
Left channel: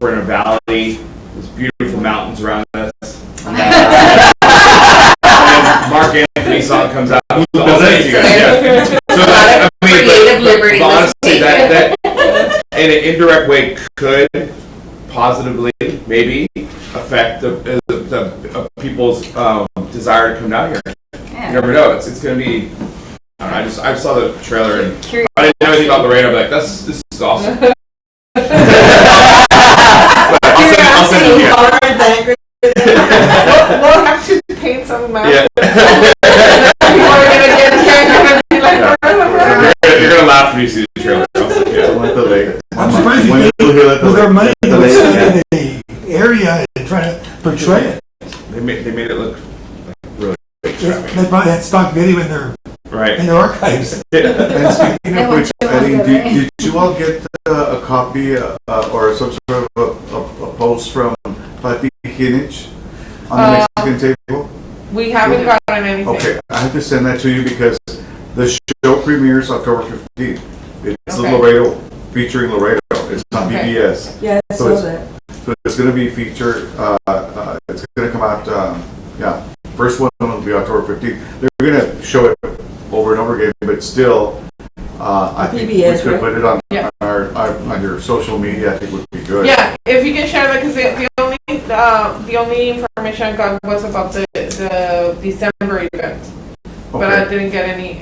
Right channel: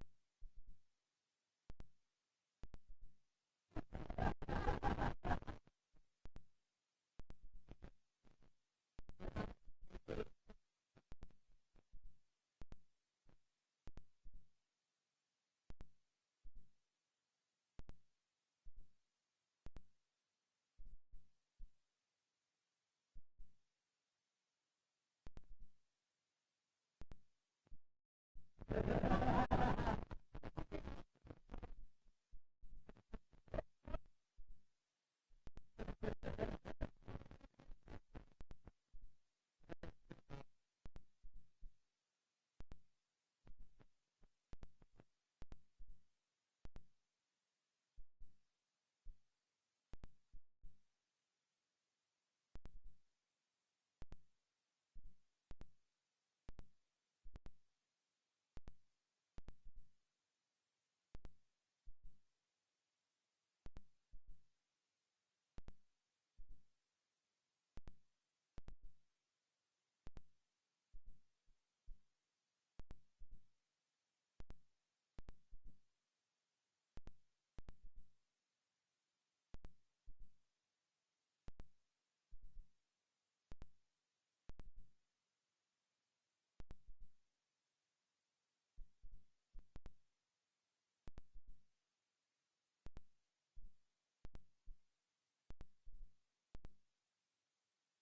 we're in a valley. There's beautiful mountains around us. And Mark Anthony's song comes out. I'll send it to you guys. Yeah. So I mean, Creative liberty, but let's honestly, take that in an indirect way could positively maybe affect the people's desire to come down here. Yeah. You never know. It's gonna be. I don't know, I saw the trailer and Curious. I didn't know anything about Laredo. I'm like, this is awesome. But I'll send it to you. We'll have to paint some maps. Yeah. People are gonna get gonna be like, You're gonna laugh when you see the trailer. Yeah. I went to Lake. I'm surprised Went you to Hill at the with their lake. money, The they lake, spend in the area and try to portray it. They made it look like really extravagant. They probably had stock video in their Right. archives. And speaking of which, They want Eddie, you all did you all get a copy or some sort of a post from Pati Kinich on the Mexican table? we haven't gotten anything. Okay, I have to send that to you because the show premieres October 15th. It's the Okay. Laredo, featuring Laredo. It's on Okay. PBS. Yeah, I So saw that. So it's going to be featured, it's going to come out, first one will be October 15th. They're going to show it over and over again, but still, I think we PBS, could right? put it on Yeah. on your social media, I think would be good. Yeah, if you can share that, because the only information I got was about the December event, but I Okay. didn't get any.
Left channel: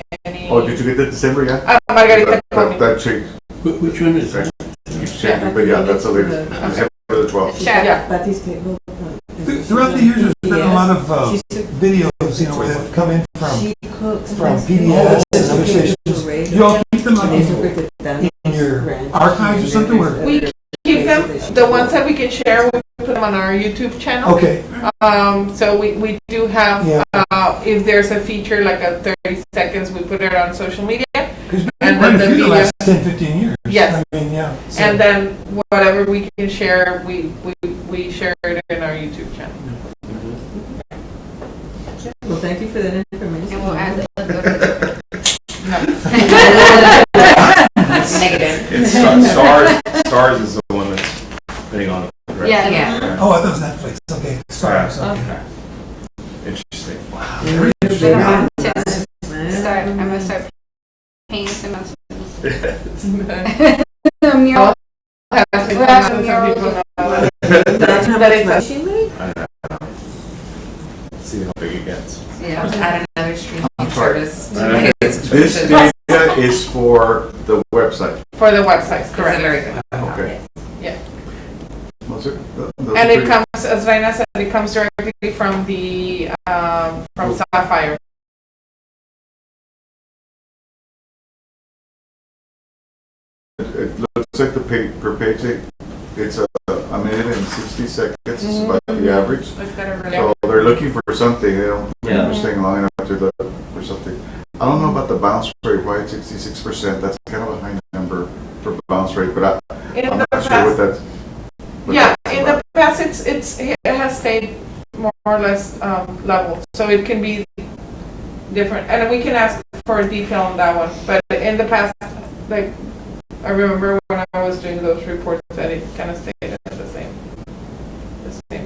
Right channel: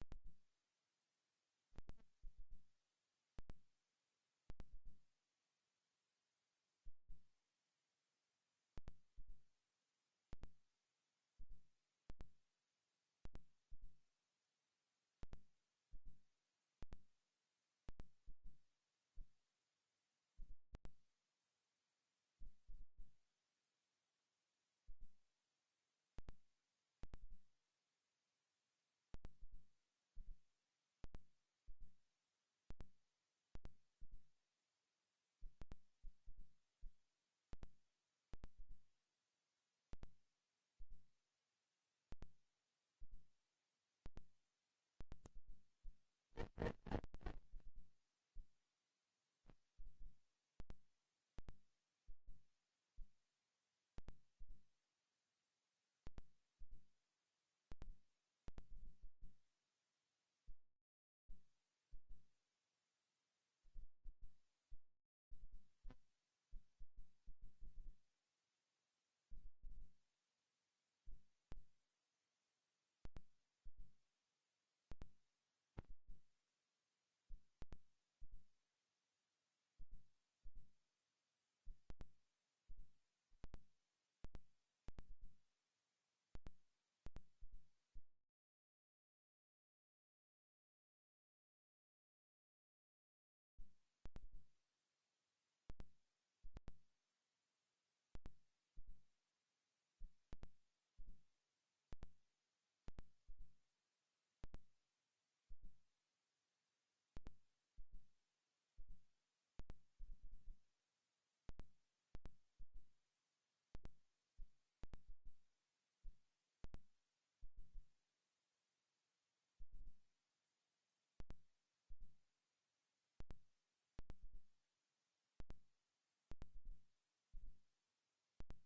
Oh, did you get the December, yeah? Margarita told me. That changed, Which one is that? keeps changing, but yeah, that's the latest, December the 12th. Yeah. Pati's table. Throughout the years, there's been a lot of She's a- videos, where they've come in from She cooks. PBS and other stations. You all keep them And they took her to down in your ranch. archives or something, where? We keep them, the ones that we can share, we put them on our YouTube channel. Okay, So we do have, Yeah. if there's a feature like a 30 seconds, we put it on social media. because And we've then been the through the video- last 10, 15 years. Yes. I mean, yeah. so- And then whatever we can share, we share it in our YouTube channel. Well, thank you for that information. And we'll add the logo. Negative. It's Stars is the one that's putting on it. Right? Yeah. Yeah. Oh, that was Netflix, okay, sorry. Okay. Interesting. Man. Start, I'm gonna start painting some of the mural. That's how That much is- money she made? See how big it gets. Yeah, add another streaming I'm sorry. service. This data is for the website. For the websites, Correct. correct. Very good. Okay. Yeah. Was it? And it comes, as Reina said, it comes directly from the, from Sapphire. It looks like the per page, it's a minute and 60 seconds, is about the average. It's got a really- So they're looking for something, they don't Yeah. remember staying long enough to look for something. I don't know about the bounce rate, why it's 66%, that's kind of a high number for bounce rate, but In I'm the not sure what past, that's. what yeah, that's in about. the past, it has stayed more or less, level, so it can be different, and we can ask for detail on that one, but in the past, like, I remember when I was doing those reports, that it kind of stayed at the same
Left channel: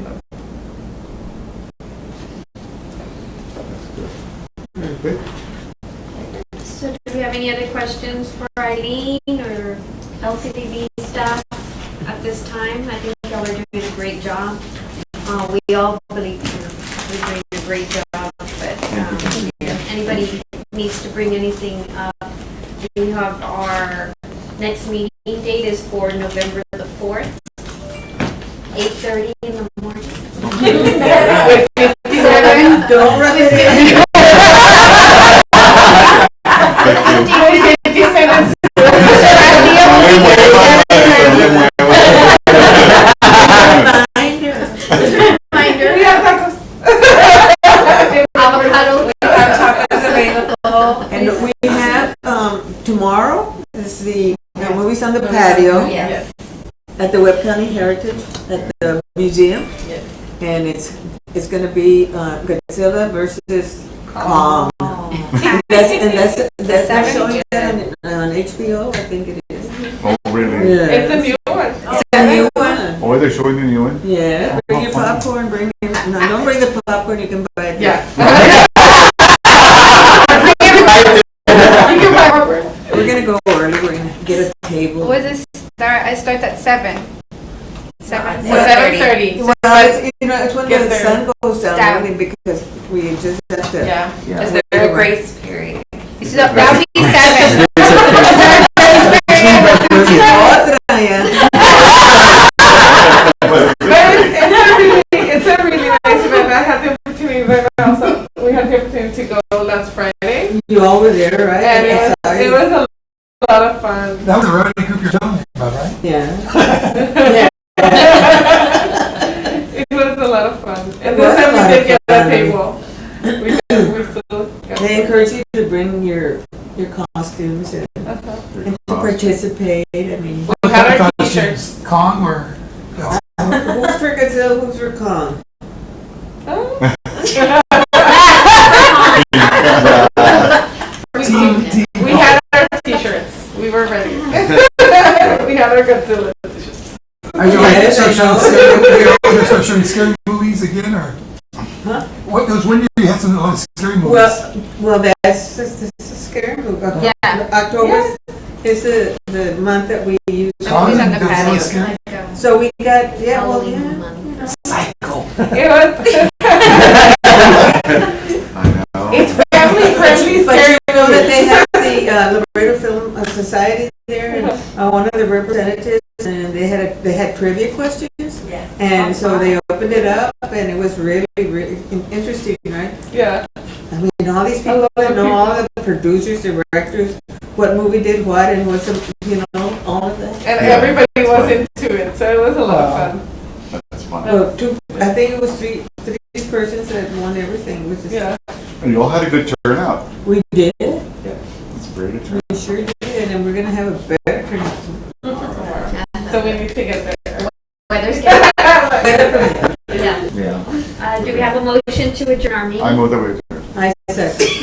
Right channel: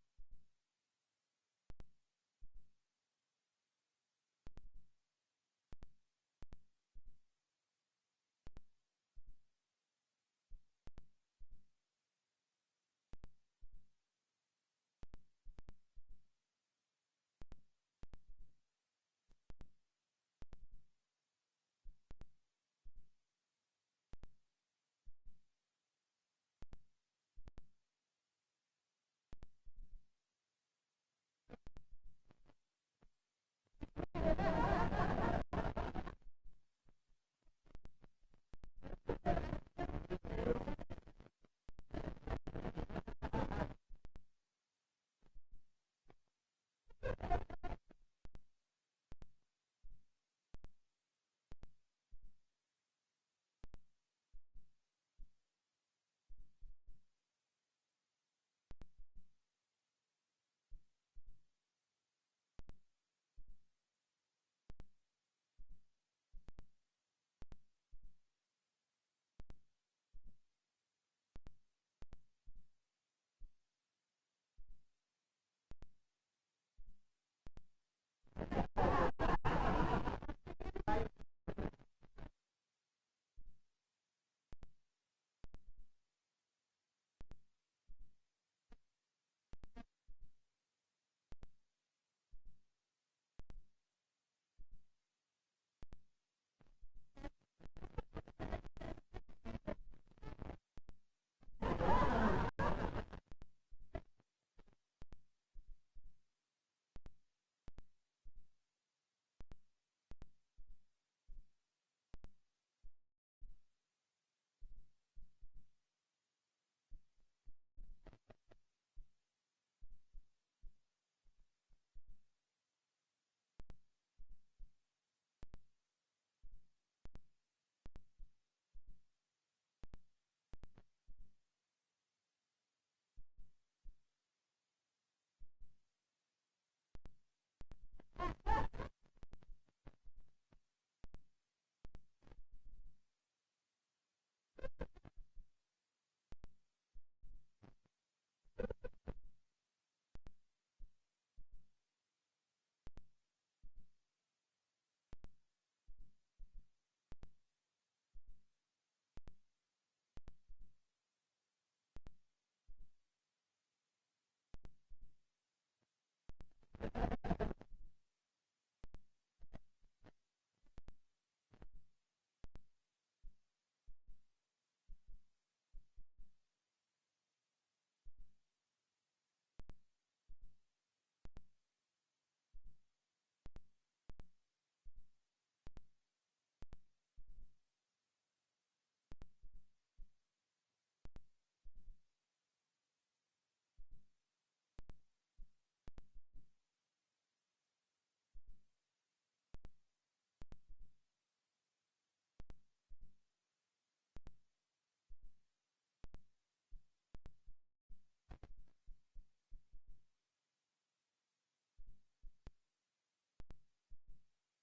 level. Okay. So do we have any other questions for Eileen or LCDB staff at this time? I think y'all are doing a great job. We all believe you're doing a great job, but if anybody needs to bring anything up, we have our next meeting date is for November the 4th, 8:30 in the morning. Don't rub it in. the patio Yes. at the Webb County Heritage, at the museum. Yes. And it's gonna be Godzilla versus Kong. And that's showing that on HBO, I think it is. Oh, really? Yeah. It's a new one. It's a new one. Oh, they're showing the new one? Yeah, bring your popcorn, no, don't bring the popcorn, you can buy it. Yeah. You can buy popcorn. We're gonna go early, we're gonna get a table. What is this start? It starts at 7. 7. 7:30. Well, it's when Get the there. sun goes down, Down. really, because we just have to. Yeah. Is there a grace period? That'll be 7. Otra, yeah. It's a really nice event. I had the opportunity, but also we had the opportunity to go last Friday, You all were there, right? and Sorry. it was a lot of fun. That was the rowdy group you're telling me about, right? Yeah. It was a lot of fun, and It was this a time lot we of did get a fun. table. We still got. They encourage you to bring your costumes and to participate, I mean. We had our t-shirts. Kong or? Who's for Godzilla, who's for Kong? Oh. We had our t-shirts. We were ready. We had our Godzilla t-shirts. Are you Yes, start I showing know. scary, you're gonna start showing scary movies again, or? Huh? What, those when you had some scary movies? Well, that's a scary movie. Yeah. October is the month that we use. Kong on and the Godzilla patio. scary? So we got, yeah, well, Halloween yeah. month. Psycho. It was. I know. It's family friendly. But you Scary know that movie. they have the Laredo Film Society there, and one of the representatives, and they had trivia questions. Yes. And so they opened it up, and it was really, really interesting, right? Yeah. I mean, all these people that know, all of the producers, directors, what movie did what, and what's, all of that. And Yeah, everybody that's was fun. into it, so it was a lot of fun. That's fun. Well, I think it was three persons that won everything, which is. Yeah. And you all had a good turnout. We did, It's a very good turnout. we sure did, and we're gonna have a better turnout. So we need to get there. Weather's good. Better turnout. Yeah. Yeah. Do we have a motion to adjourn our meeting? I move that we. I second.